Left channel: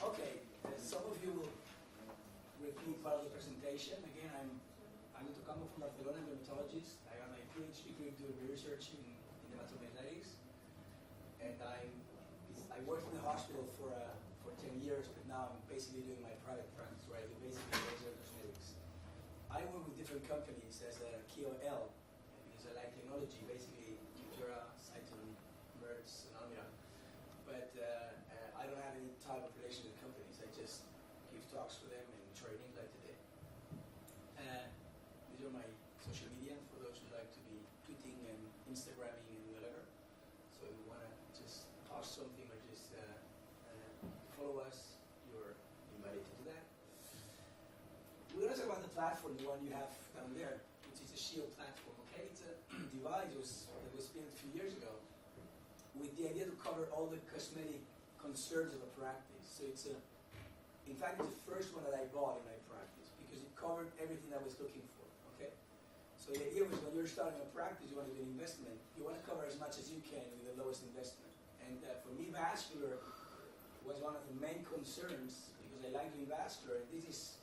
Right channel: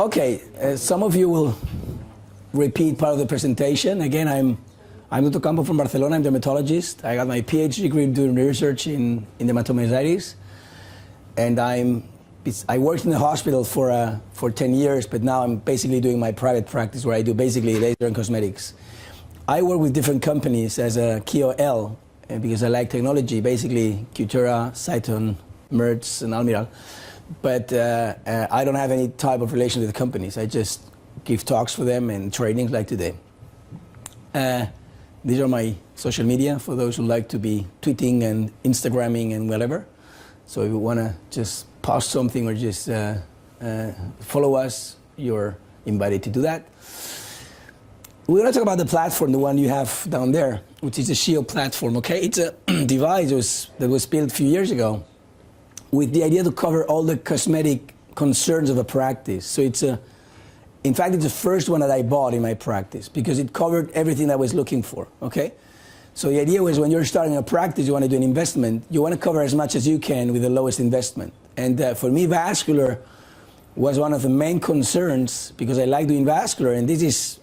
Okay, some of you will repeat part of the presentation. Again, I'm Dr. Campo from Barcelona. I'm a dermatologist. I got my PhD degree doing research in dermatomyositis, and I worked in the hospital for 10 years, but now I'm basically doing my private practice where I do basically laser and cosmetics. I work with different companies as a KOL because I like technology, basically Cutera, Cyton, Merz, and Almiral. But I don't have any type of relation with the companies. I just give talks for them and trainings like today. These are my social media for those who like to be tweeting and Instagramming and whatever. So if you want to just post something or just follow us, you're invited to do that. We're going to talk about the platform, the one you have down there, which is the XEO platform, okay? It's a device that was built a few years ago with the idea to cover all the cosmetic concerns of a practice. So in fact, it's the first one that I bought in my practice because it covered everything I was looking for, okay? So the idea was when you're starting a practice, you want to do an investment, you want to cover as much as you can with the lowest investment. And for me, vascular was one of the main concerns because I like doing vascular, and this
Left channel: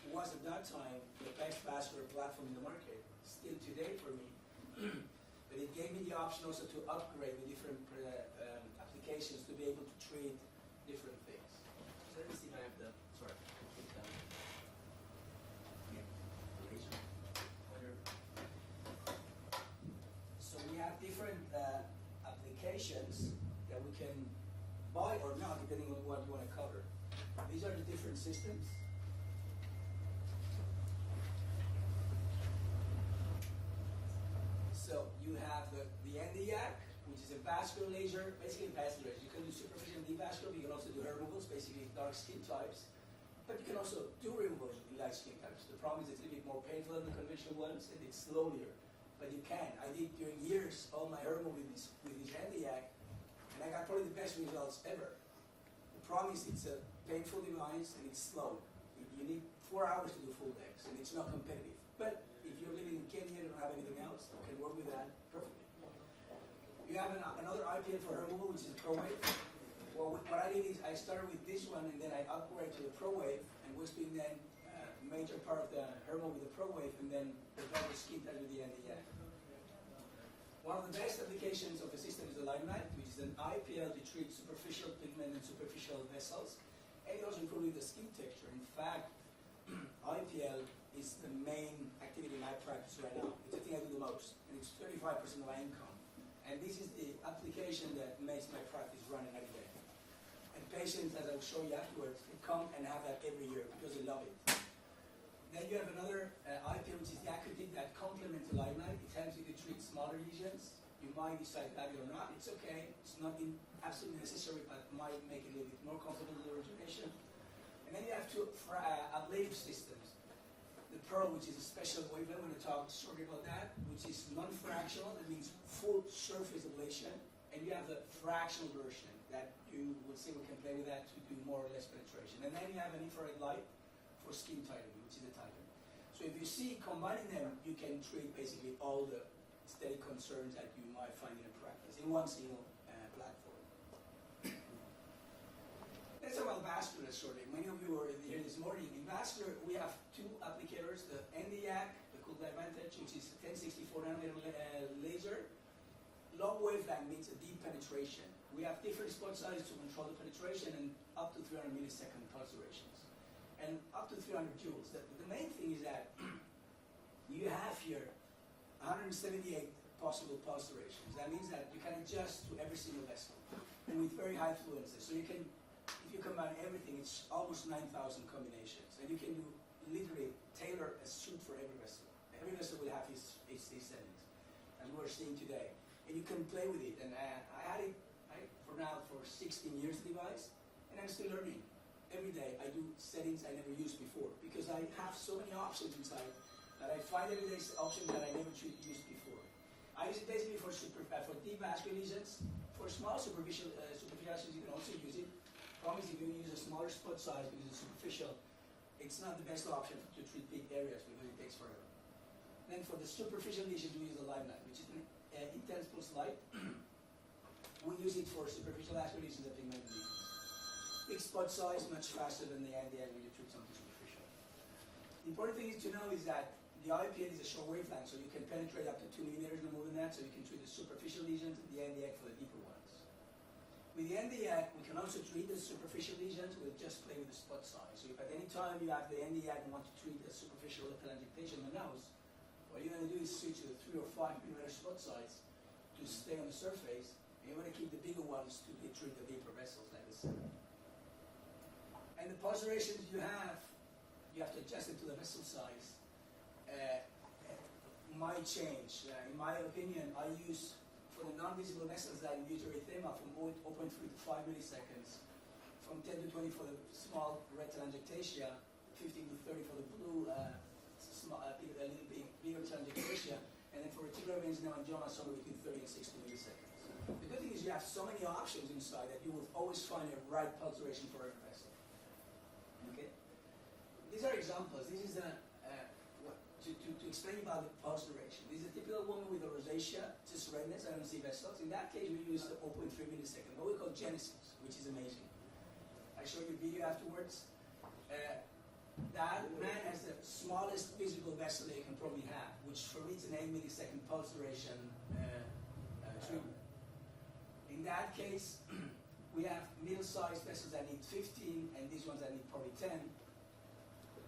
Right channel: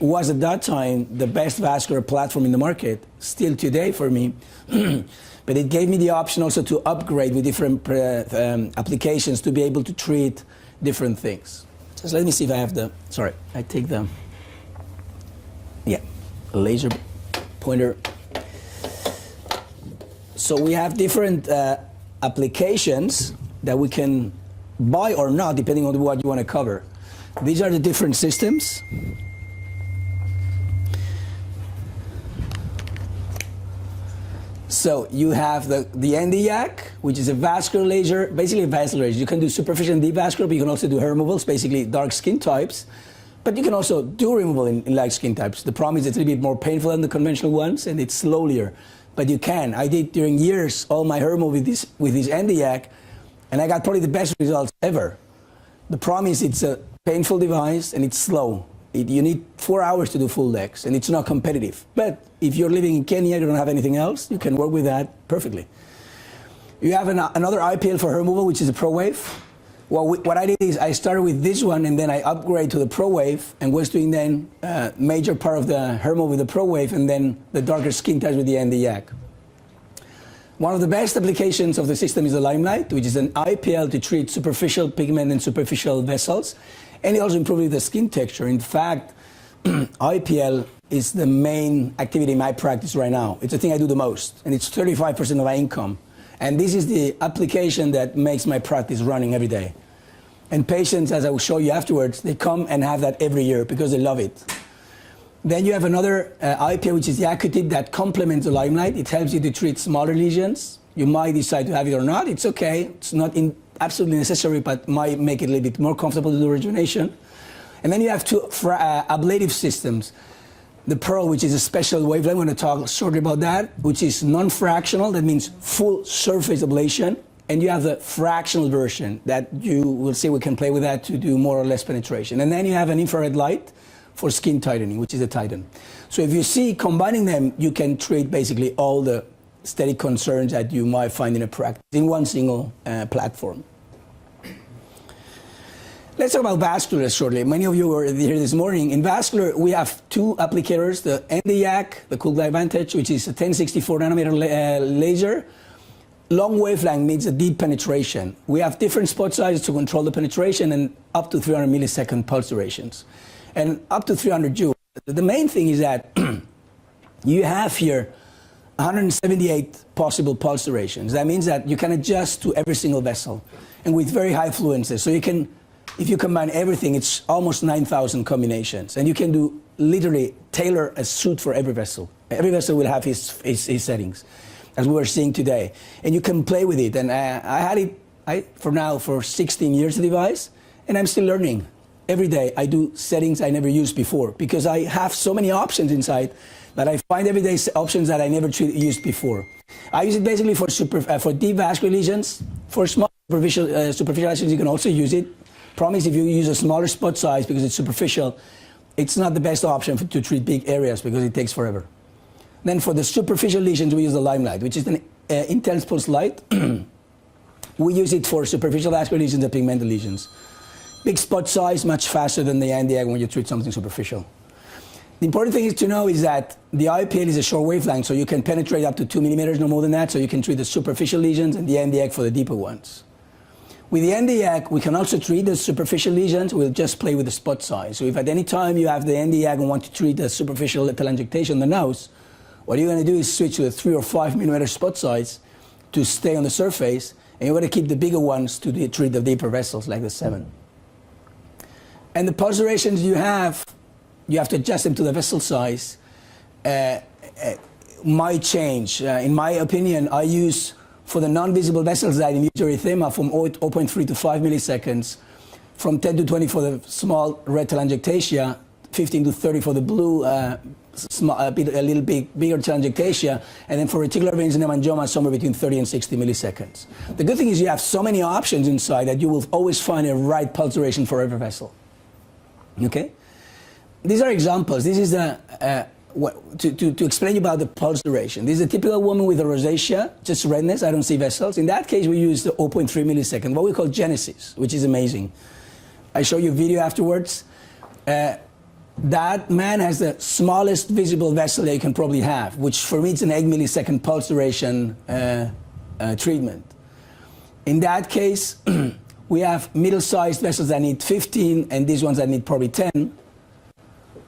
was at that time the best vascular platform in the market, still today for me. But it gave me the option also to upgrade with different applications to be able to treat different things. Just let me see if I have I take the laser pointer. So we have different applications that we can buy or not, depending on what you want to cover. These are the different systems. So you have the Nd:YAG, which is a vascular laser, basically a vascular laser. You can do superficial and deep vascular, but you can also do hair removals, basically dark skin types. But you can also do removal in light skin types. The problem is it's a little bit more painful than the conventional ones, and it's slower. But you can. I did during years all my hair removal with this Nd:YAG, and I got probably the best results ever. The problem is it's a painful device and it's slow. You need 4 hours to do full legs, and it's not competitive. But if you're living in Kenya, you don't have anything else, you can work with that perfectly. You have another IPL for hair removal, which is a ProWave. Well, what I did is I started with this one, and then I upgraded to the ProWave, and was doing then major part of the hair removal with the ProWave, and then the darker skin types with the Nd:YAG. One of the best applications of the system is the Limelight, which is an IPL to treat superficial pigment and superficial vessels. And it also improves the skin texture. In fact, IPL is the main activity in my practice right now. It's the thing I do the most, and it's 35% of my income. And this is the application that makes my practice running every day. And patients, as I will show you afterwards, they come and have that every year because they love it. Then you have another IPL, which is the Acutip, that complements the Limelight. It helps you to treat smaller lesions. You might decide to have it or not. It's okay. It's not absolutely necessary, but might make it a little bit more comfortable to do rejuvenation. And then you have two ablative systems. The Pearl, which is a special wavelength, I'm going to talk shortly about that, which is non-fractional, that means full surface ablation. And you have the fractional version that you will see we can play with that to do more or less penetration. And then you have an infrared light for skin tightening, which is a Titan. So if you see combining them, you can treat basically all the aesthetic concerns that you might find in a practice in one single platform. Let's talk about vascular shortly. Many of you were here this morning. In vascular, we have two applicators, the Nd:YAG, the CoolGlide Vantage, which is a 1064 nanometer laser. Long wavelength means a deep penetration. We have different spot sizes to control the penetration and up to 300 millisecond pulse durations. And up to 300 joules. The main thing is that you have here 178 possible pulse durations. That means that you can adjust to every single vessel and with very high fluences. So you can, if you combine everything, it's almost 9,000 combinations. And you can do literally tailor a suit for every vessel. Every vessel will have his settings, as we were seeing today. And you can play with it. And I had it for 16 years, the device, and I'm still learning. Every day I do settings I never used before because I have so many options inside that I find every day options that I never used before. I use it basically for deep vascular lesions. For small superficial lesions, you can also use it. Problem is if you use a smaller spot size because it's superficial, it's not the best option to treat big areas because it takes forever. Then for the superficial lesions, we use the Limelight, which is an intense pulse light. We use it for superficial vascular lesions and pigmented lesions. Big spot size, much faster than the Nd:YAG when you treat something superficial. The important thing is to know is that the IPL is a short wavelength, so you can penetrate up to 2 millimeters, no more than that, so you can treat the superficial lesions, and the Nd:YAG for the deeper ones. With the Nd:YAG, we can also treat the superficial lesions. We'll just play with the spot size. So if at any time you have the Nd:YAG and want to treat the superficial telangiectasia on the nose, what you're going to do is switch to a 3 or 5 millimeter spot size to stay on the surface, and you're going to keep the bigger ones to treat the deeper vessels like the 7. And the pulse durations you have to adjust them to the vessel size, might change. In my opinion, I use, for the non-visible vessels that induce erythema, from 0.3 to 5 milliseconds, from 10 to 20 for the small red telangiectasia, 15 to 30 for the blue, a little bit bigger telangiectasia, and then for reticular veins and hemangioma, somewhere between 30 and 60 milliseconds. The good thing is you have so many options inside that you will always find a right pulse duration for every vessel. Okay? These are examples. This is to explain about the pulse duration. This is a typical woman with a rosacea, just redness. I don't see vessels. In that case, we use the 0.3 millisecond, what we call Genesis, which is amazing. I show you a video afterwards. That man has the smallest visible vessel that you can probably have, which for me it's an 8 millisecond pulse duration treatment. In that case, we have middle-sized vessels that need 15, and these ones that need probably 10.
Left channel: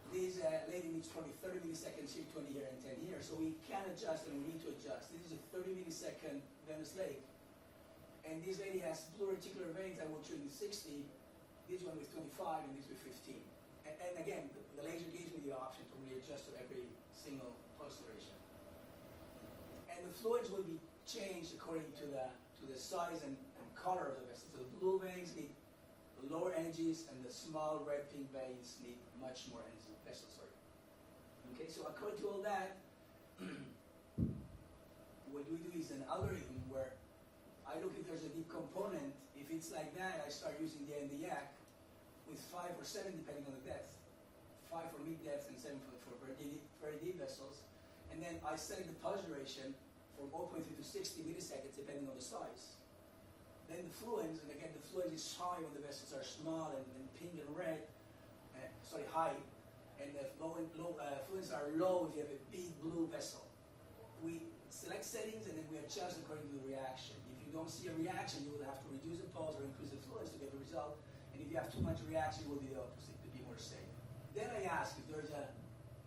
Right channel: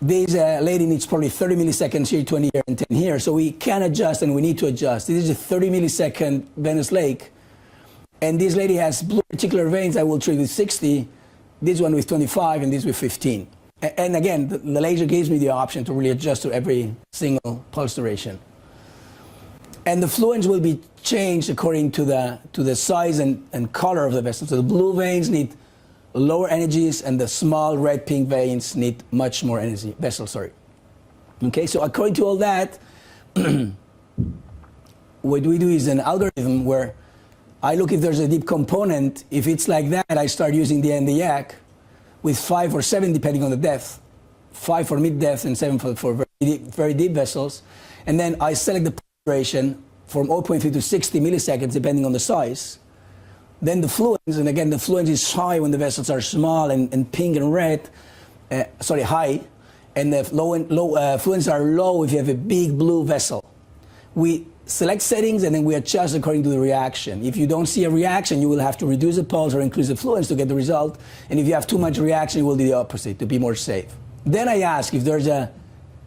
This lady needs probably 30 milliseconds here, 20 here, and 10 here. So we can adjust, and we need to adjust. This is a 30 millisecond venous lake. And this lady has blue reticular veins I will treat with 60, this one with 25, and this with 15. And again, the laser gives me the option to really adjust to every single pulse duration. And the fluence will be changed according to the size and color of the vessel. So the blue veins need lower energies, and the small red-pink veins need much more energy, Okay, so according to all that, what we do is an algorithm where I look if there's a deep component. If it's like that, I start using the Nd:YAG with 5 or 7, depending on the depth. 5 for mid-depth and 7 for very deep vessels. And then I select the pulse duration from 0.3 to 60 milliseconds, depending on the size. Then the fluence, and again, the fluence is high when the vessels are small and pink and red, high, and the fluence are low if you have a big blue vessel. We select settings, and then we adjust according to the reaction. If you don't see a reaction, you will have to reduce the pulse or increase the fluence to get the result. And if you have too much reaction, you will do the opposite to be more safe. Then I ask if there's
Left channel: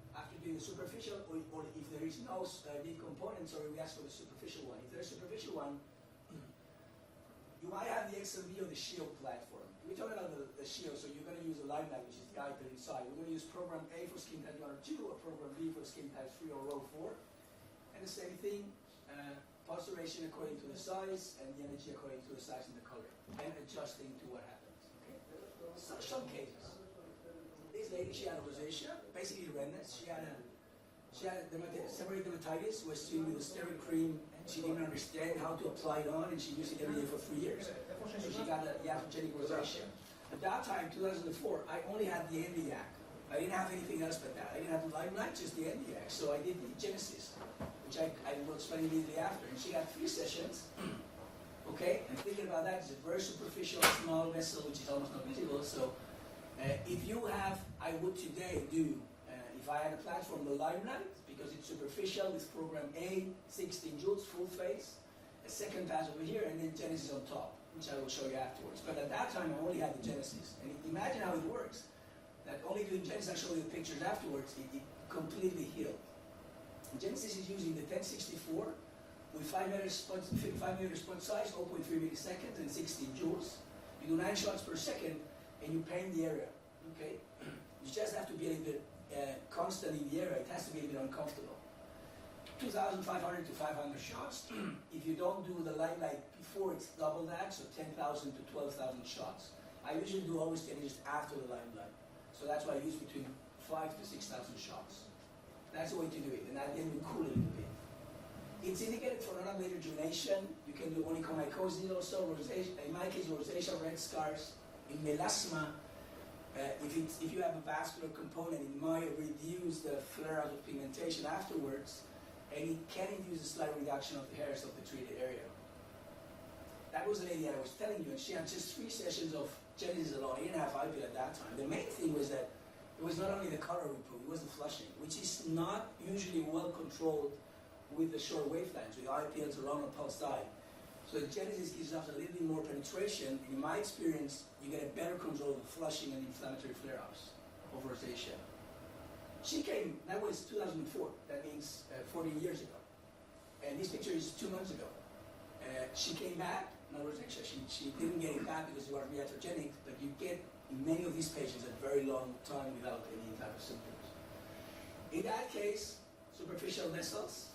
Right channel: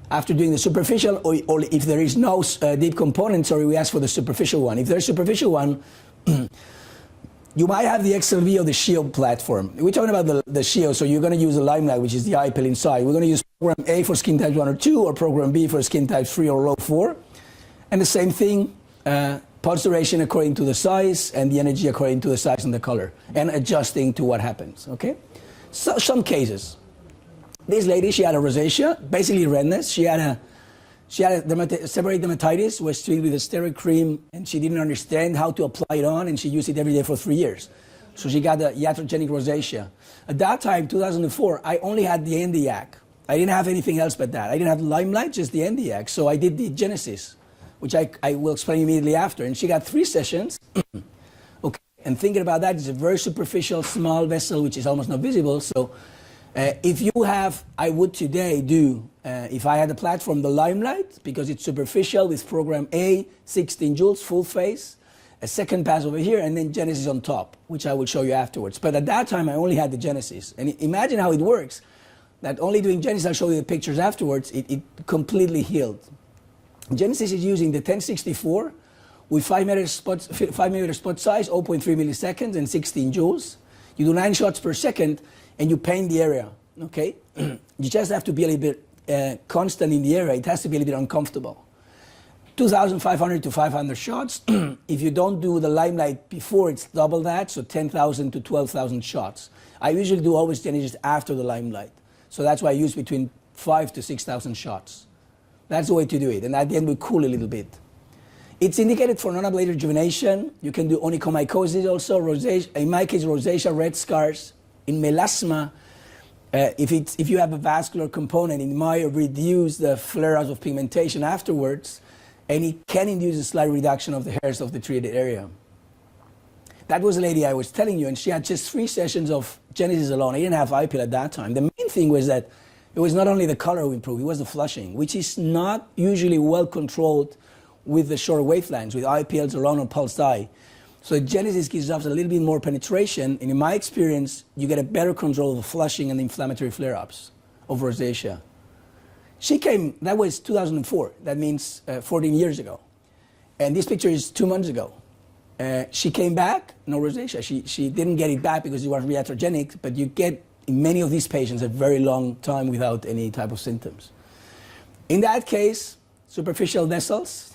after doing the superficial, or if there is no deep component, we ask for the superficial one. If there's a superficial one, you might have the XLV or the XEO platform. We're talking about the XEO, so you're going to use the Limelight, which is the IPL inside. We're going to use program A for skin types 1 or 2, or program B for skin types 3 or low 4. And the same thing, pulse duration according to the size, and the energy according to the size and the color, and adjusting to what happens, okay? So some cases. This lady, she had a rosacea, basically redness. She had a seborrheic dermatitis, was treated with a steroid cream, and she didn't understand how to apply it on, and she used it every day for 3 years. So she got a iatrogenic rosacea. At that time, 2004, I only had the Nd:YAG. I didn't have anything else but that. I didn't have the Limelight, just the Nd:YAG. So I did the Genesis, which I will explain immediately after. And she got 3 sessions. Okay, and thinking about that, it's a very superficial, small vessel, which is almost not visible. So if you have, I would today do, if I had a platform, the Limelight, because it's superficial with program A, 16 joules, full face, a second pass over here, and then Genesis on top, which I will show you afterwards. But at that time, I only had the Genesis. And imagine how it works, that only doing Genesis, I'll show you the pictures afterwards, it completely healed. Genesis is using the 1064 with 5 millimeter spot size, 0.3 milliseconds, and 16 joules. You do 9 shots per second, and you paint the area, okay? You just have to be a little bit constant in the area. It has to be a little bit uncomfortable. 2,500 to 500 shots. If you don't do the Limelight before, it's double that, so 10,000 to 12,000 shots. I usually do always Genesis after the Limelight. So that's why I use between 5,000 to 6,000 shots. That's the way to do it. And at the end, we cool a little bit. It's indicated for non-ablative rejuvenation. You can do onychomycosis also, rosacea, in my case, rosacea, red scars. In melasma, if you have a vascular component, it might reduce the flare-ups of pigmentation afterwards, and it can induce a slight reduction of the hairs of the treated area. That was a lady I was telling you, and she had just 3 sessions of Genesis alone. I didn't have IPL at that time. The main thing was that it was not only the color we improved, it was the flushing, which is not usually well controlled with the short wavelengths, with IPLs around on pulsed eye. So Genesis gives us a little bit more penetration, and in my experience, you get a better control of the flushing and the inflammatory flare-ups of rosacea. She came, that was 2004, that means 14 years ago. And this picture is 2 months ago. She came back, no rosacea. She didn't get it back because it was iatrogenic, but you get, in many of these patients, a very long time without any type of symptoms. In that case, superficial vessels.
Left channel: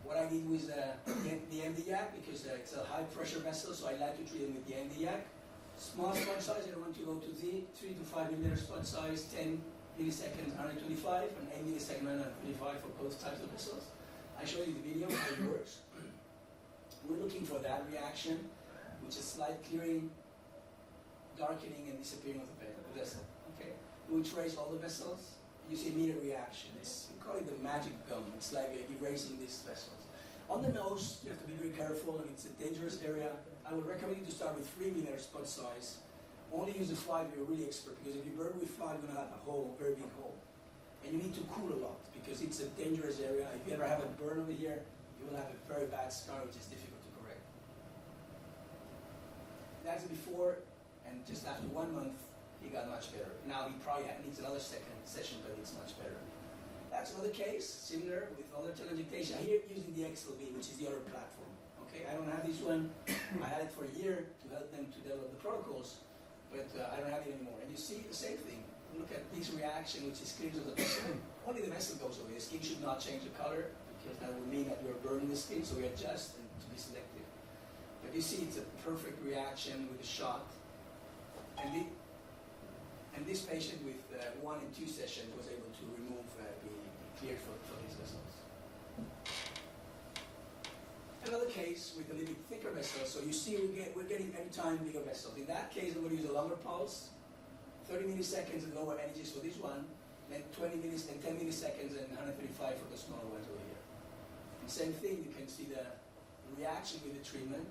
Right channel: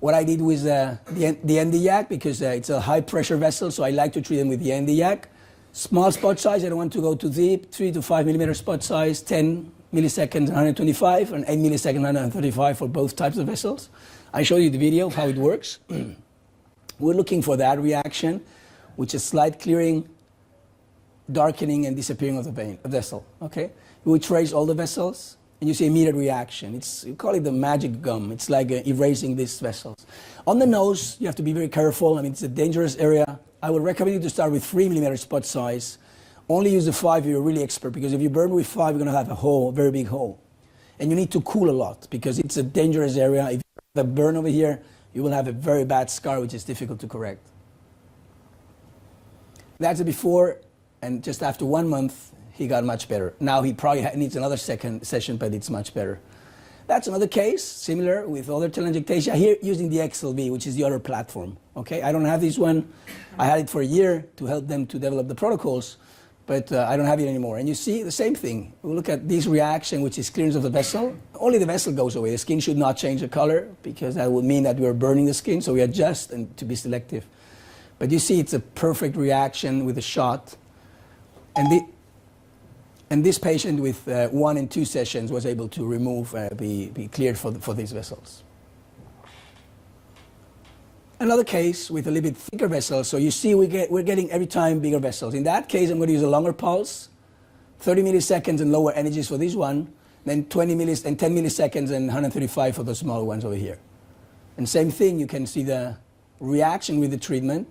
What I did was the NDYAC, because it's a high pressure vessel, so I like to treat them with the NDYAC. Small spot size, I don't want to go too deep, 3 to 5 millimeter spot size, 10 milliseconds, 125, and 8 milliseconds, 135 for both types of vessels. I show you the video of how it works. We're looking for that reaction, which is slight clearing, darkening, and disappearing of the vessel, okay? We trace all the vessels, and you see immediate reaction. We call it the magic gum. It's like erasing these vessels. On the nose, you have to be very careful. I mean, it's a dangerous area. I would recommend you to start with 3 millimeter spot size. Only use the 5 if you're really expert, because if you burn with 5, you're gonna have a hole, a very big hole. And you need to cool a lot, because it's a dangerous area. If you have a burn over here, you will have a very bad scar, which is difficult to correct. That's the before, and just after 1 month, he got much better. Now he probably needs another second session, but it's much better. That's another case, similar with other telangiectasia, here using the XLV, which is the other platform. Okay, I don't have this one. I had it for a year to help them to develop the protocols, but I don't have it anymore. And you see the same thing. We look at this reaction, which is clearance of the vessel. Only the vessel goes away. The skin should not change the color, because that would mean that we are burning the skin, so we adjust and to be selective. But you see it's a perfect reaction with a shot. And this patient with 1 and 2 sessions was able to remove, be cleared for these vessels. Another case with a little bit thicker vessels. So you see we're getting every time bigger vessels. In that case, I'm going to use a longer pulse, 30 milliseconds and lower energies for this one, then 10 milliseconds and 135 for the smaller ones over here. And same thing, you can see the reaction with the treatment.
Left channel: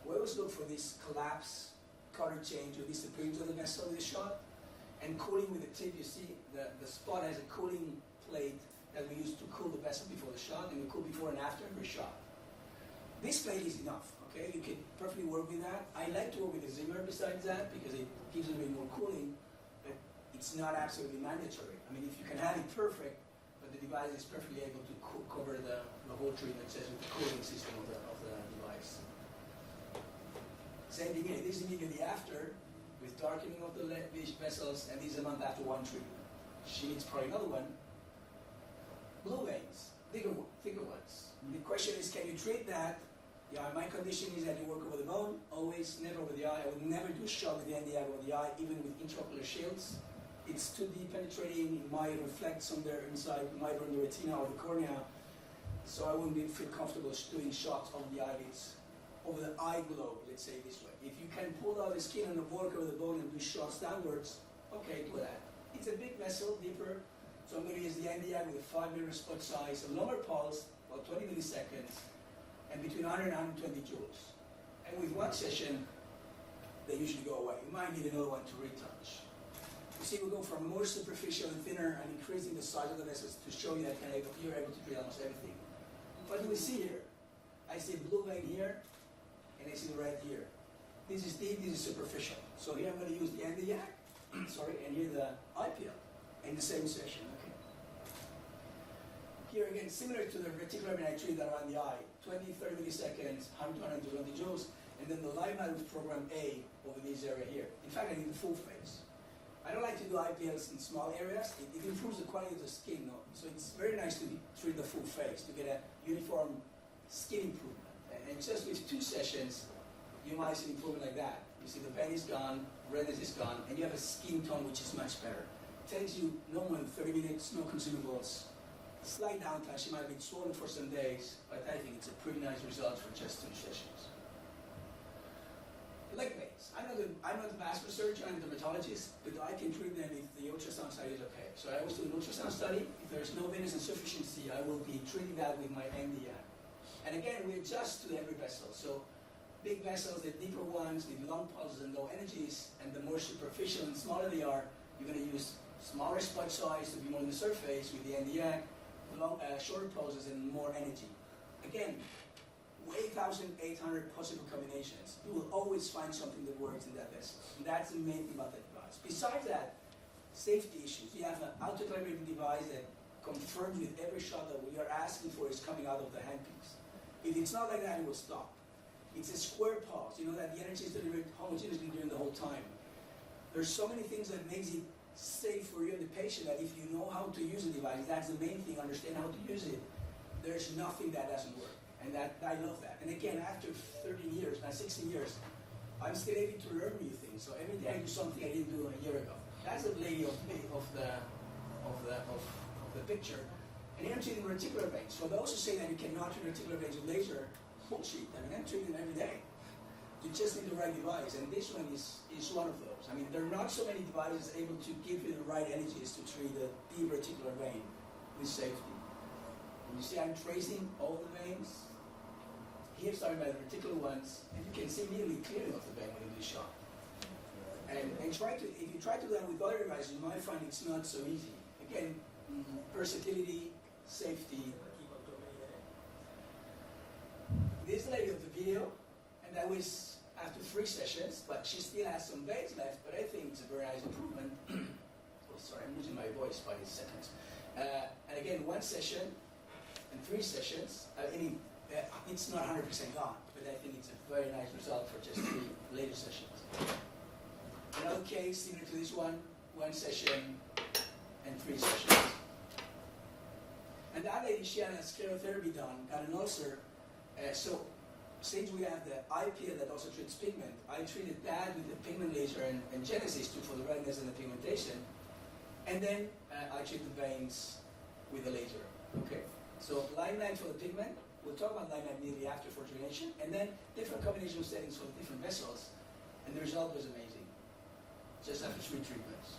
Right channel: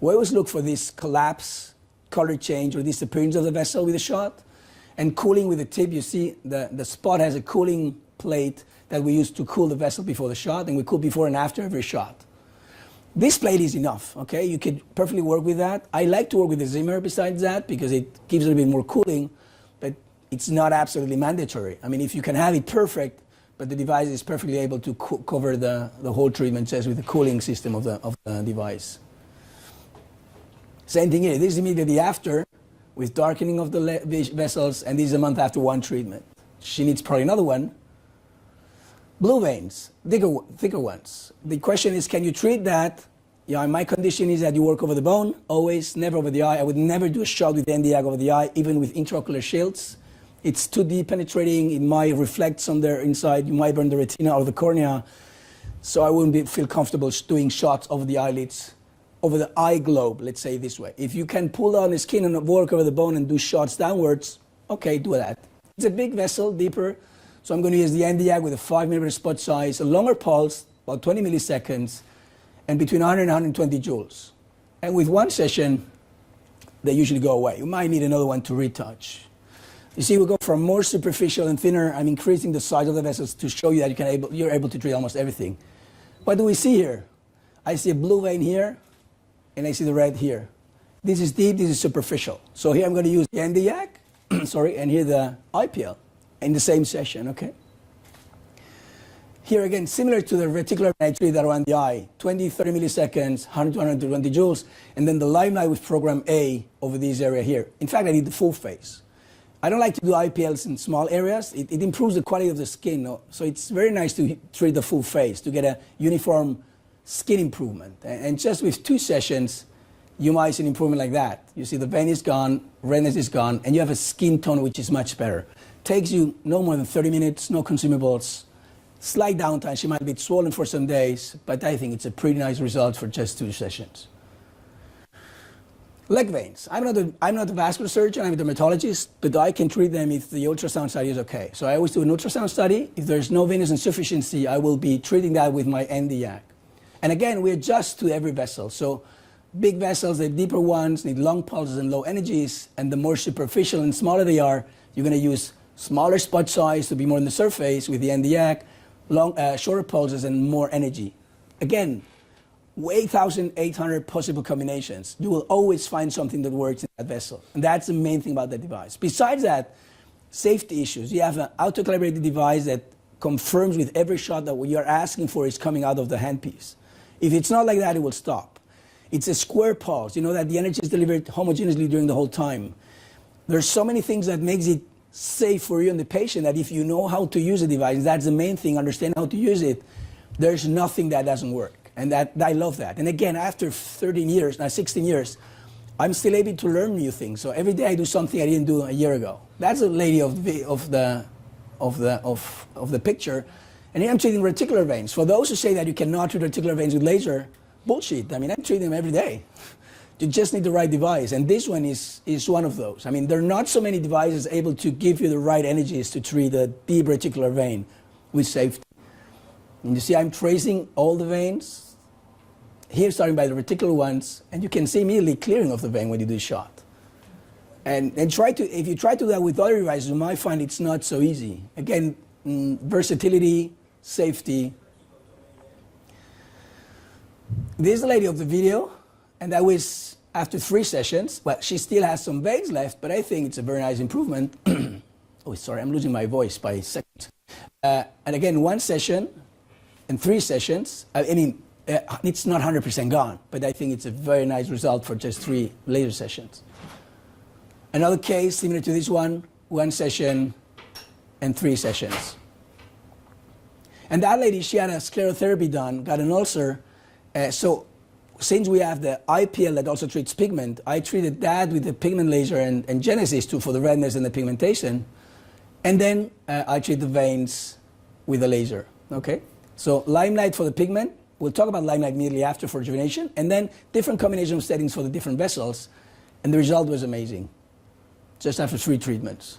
We always look for this collapse, color change, or disappearance of the vessel with a shot. And cooling with the tip, you see the spot has a cooling plate that we use to cool the vessel before the shot, and we cool before and after every shot. This plate is enough, okay? You could perfectly work with that. I like to work with the Zimmer besides that, because it gives a little bit more cooling, but it's not absolutely mandatory. I mean, if you can have it perfect, but the device is perfectly able to cover the whole treatment just with the cooling system of the device. Same thing here. This is immediately after, with darkening of the vessels, and this is a month after 1 treatment. She needs probably another one. Blue veins, thicker ones. The question is, can you treat that? Yeah, my condition is that you work over the bone, always, never over the eye. I would never do a shot with NDYAC over the eye, even with intraocular shields. It's too deep penetrating, it might reflect on the inside, you might burn the retina or the cornea. So I wouldn't feel comfortable doing shots over the eyelids, over the eye globe, let's say this way. If you can pull down the skin and work over the bone and do shots downwards, okay, do that. It's a big vessel, deeper, so I'm going to use the NDYAC with a 5 millimeter spot size, a longer pulse, about 20 milliseconds, and between 100 and 120 joules. And with 1 session, they usually go away. You might need another one to retouch. You see, we go from more superficial and thinner. I'm increasing the size of the vessels to show you that you're able to treat almost everything. What do we see here? I see a blue vein here, and I see the red here. This is deep, this is superficial. So here I'm going to use the NDYAC, sorry, and here the IPL in the same session, okay? Here again, similar to the reticular I treat that around the eye, 20, 30 milliseconds, 100 to 120 joules, and then the limelight with program A over this area here. In fact, I did the full face. I don't like to do IPLs in small areas. It improves the quality of the skin, no? So it's very nice to treat the full face to get a uniform skin improvement. And just with 2 sessions, you might see an improvement like that. You see the vein is gone, redness is gone, and you have a skin tone which is much better. Takes you no more than 30 minutes, no consumables, slight downtime. She might be swollen for some days, but I think it's a pretty nice result for just 2 sessions. Leg veins. I'm not a vascular surgeon, I'm a dermatologist, but I can treat them if the ultrasound study is okay. So I always do an ultrasound study. If there's no venous insufficiency, I will be treating that with my NDYAC. And again, we adjust to every vessel. So big vessels, the deeper ones, need long pulses and low energies, and the more superficial and smaller they are, you're going to use smaller spot size to be more on the surface with the NDAC, shorter pulses and more energy. Again, 8,800 possible combinations. You will always find something that works in that vessel. And that's the main thing about that device. Besides that, safety issues. You have an auto-calibrated device that confirms with every shot that what you're asking for is coming out of the handpiece. If it's not like that, it will stop. It's a square pulse. You know that the energy is delivered homogeneously during the whole time. There's so many things that makes it safe for you and the patient that if you know how to use the device, that's the main thing, understand how to use it, there's nothing that doesn't work. And that I love that. And again, after 13 years, now 16 years, I'm still able to learn new things. So every day I do something I didn't do a year ago. That's the lady of the picture. And here I'm treating reticular veins. For those who say that you cannot treat reticular veins with laser, bullshit. I mean, I'm treating them every day. You just need the right device. And this one is one of those. I mean, there are not so many devices able to give you the right energies to treat a deep reticular vein with safety. And you see I'm tracing all the veins. Here, starting by the reticular ones, and you can see immediately clearing of the vein when you do a shot. And if you try to do that with other devices, you might find it's not so easy. Again, versatility, safety. This is the lady of the video, and that was after 3 sessions. Well, she still has some veins left, but I think it's a very nice improvement. Oh, sorry, I'm losing my voice by a second. And again, 1 session and 3 sessions. It's not 100% gone, but I think it's a very nice result for just 3 laser sessions. Another case similar to this one, 1 session and 3 sessions. And that lady, she had a sclerotherapy done, got an ulcer. So since we have the IPL that also treats pigment, I treated that with the pigment laser and Genesis too for the redness and the pigmentation. And then I treat the veins with the laser, okay? So limelight for the pigment. We'll talk about limelight immediately after for rejuvenation, and then different combination of settings for the different vessels, and the result was amazing, just after 3 treatments.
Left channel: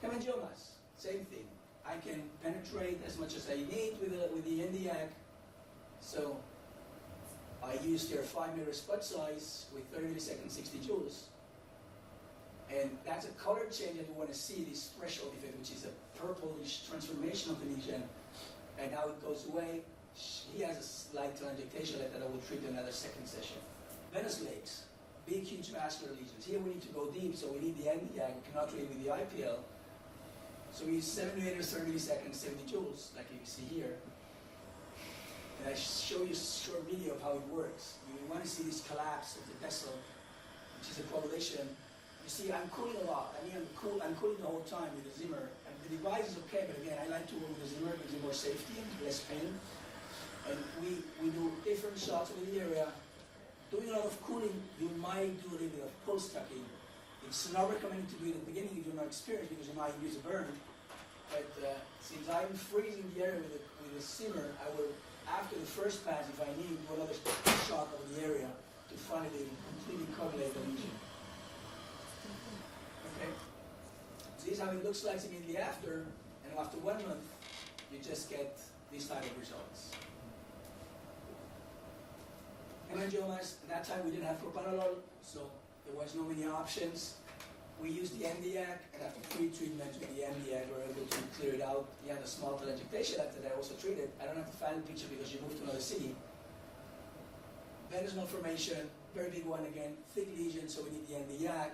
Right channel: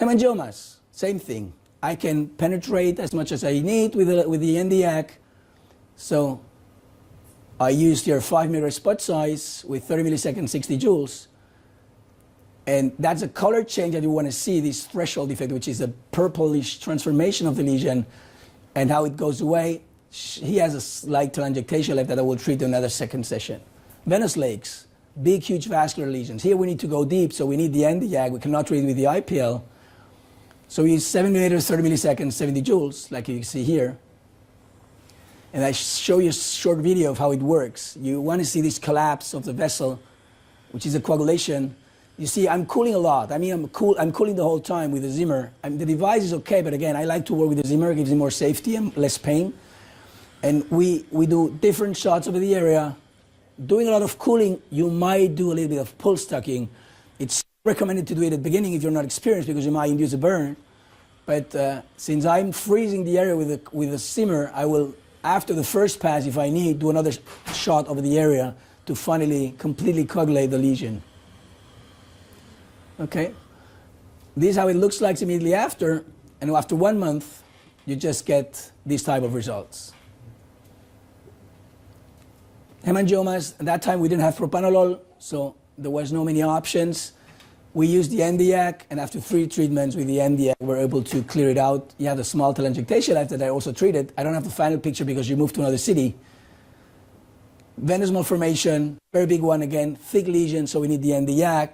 Hemangiomas, same thing. I can penetrate as much as I need with the NDAC, so I used your 5 mm spot size with 30 milliseconds, 60 joules, and that's a color change that you want to see, this threshold effect, which is a purplish transformation of the lesion, and how it goes away. He has a slight telangiectasia left that I will treat in another 2nd session. Venous lakes, big, huge vascular lesions. Here we need to go deep, so we need the NDAG. We cannot treat with the IPL. So we use 7 mm, 30 milliseconds, 70 joules, like you can see here. And I show you a short video of how it works. You want to see this collapse of the vessel, which is a coagulation. You see, I'm cooling a lot. I mean, I'm cooling the whole time with the Zimmer. The device is okay, but again, I like to work with the Zimmer. It gives me more safety and less pain. And we do different shots over the area. Doing a lot of cooling, you might do a little bit of pulse tucking. It's not recommended to do it at the beginning if you're not experienced because you might induce a burn. But since I'm freezing the area with the Zimmer, I will, after the first pass, if I need, do another shot over the area to finally completely coagulate the lesion. Okay, this is how it looks like immediately after, and after 1 month, you just get these type of results. Hemangiomas, at that time we didn't have propanolol, so there was no many options. We used the NDAC, and after 3 treatments with the NDAC, we were able to clear it out. You have a small telangiectasia left that I also treated. I don't have the final picture because you moved to another city. Venous malformation, very big one again, thick lesion, so we need the NDAC.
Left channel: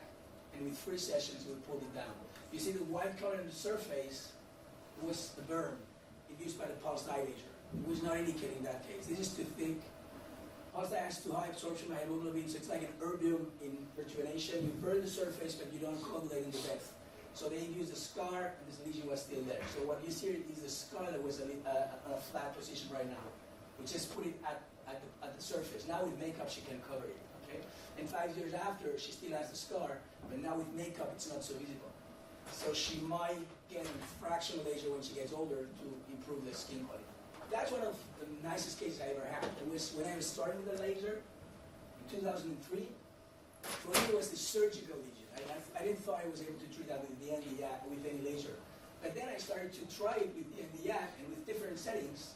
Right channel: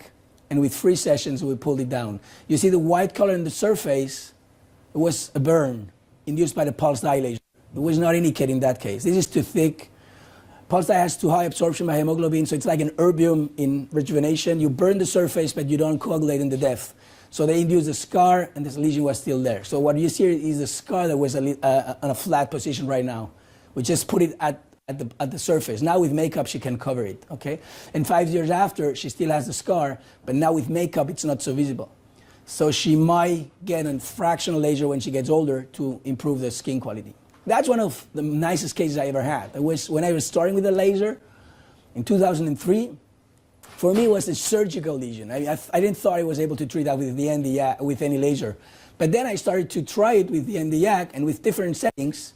And with 3 sessions, we pulled it down. You see the white color in the surface, it was a burn induced by the pulse dilation. It was not indicated in that case. This is too thick. Pulse dye has too high absorption by hemoglobin, so it's like an erbium in rejuvenation. You burn the surface, but you don't coagulate in the depth. So they induced a scar, and this lesion was still there. So what you see is the scar that was on a flat position right now. We just put it at the surface. Now with makeup, she can cover it, okay? And 5 years after, she still has the scar, but now with makeup, it's not so visible. So she might get a fractional laser when she gets older to improve the skin quality. That's one of the nicest cases I ever had. It was when I was starting with the laser in 2003. For me, it was a surgical lesion. I didn't thought I was able to treat that with the NDAC, with any laser. But then I started to try it with the NDAC, and with different settings,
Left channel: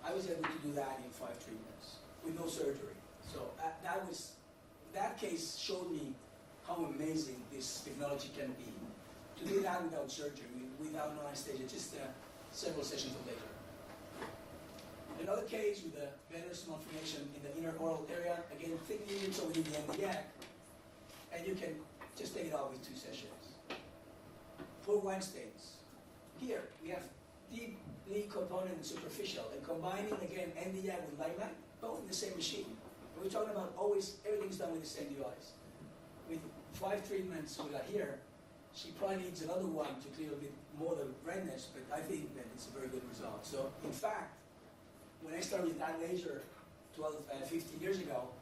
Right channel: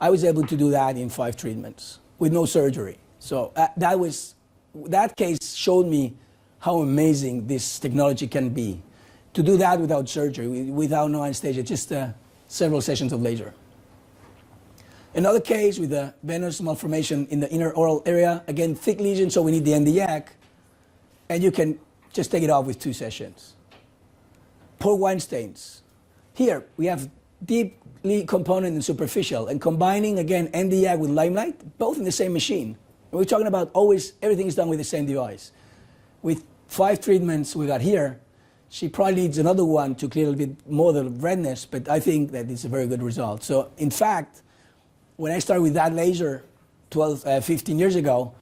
I was able to do that in 5 treatments. with no surgery. So that case showed me how amazing this technology can be. To do that without surgery, without no anesthesia, just several sessions of laser. Another case with a venous malformation in the inner oral area, again, thick lesion, so we need the NDYAC, and you can just take it off with 2 sessions. Port wine stains. Here, we have deeply component and superficial, and combining, again, NDYAC with limelight, both in the same machine. And we're talking about always, everything is done with the same device. With 5 treatments we got here, she probably needs another one to clear a little bit more the redness, but I think that it's a very good result. So, in fact, when I started with that laser 15 years ago,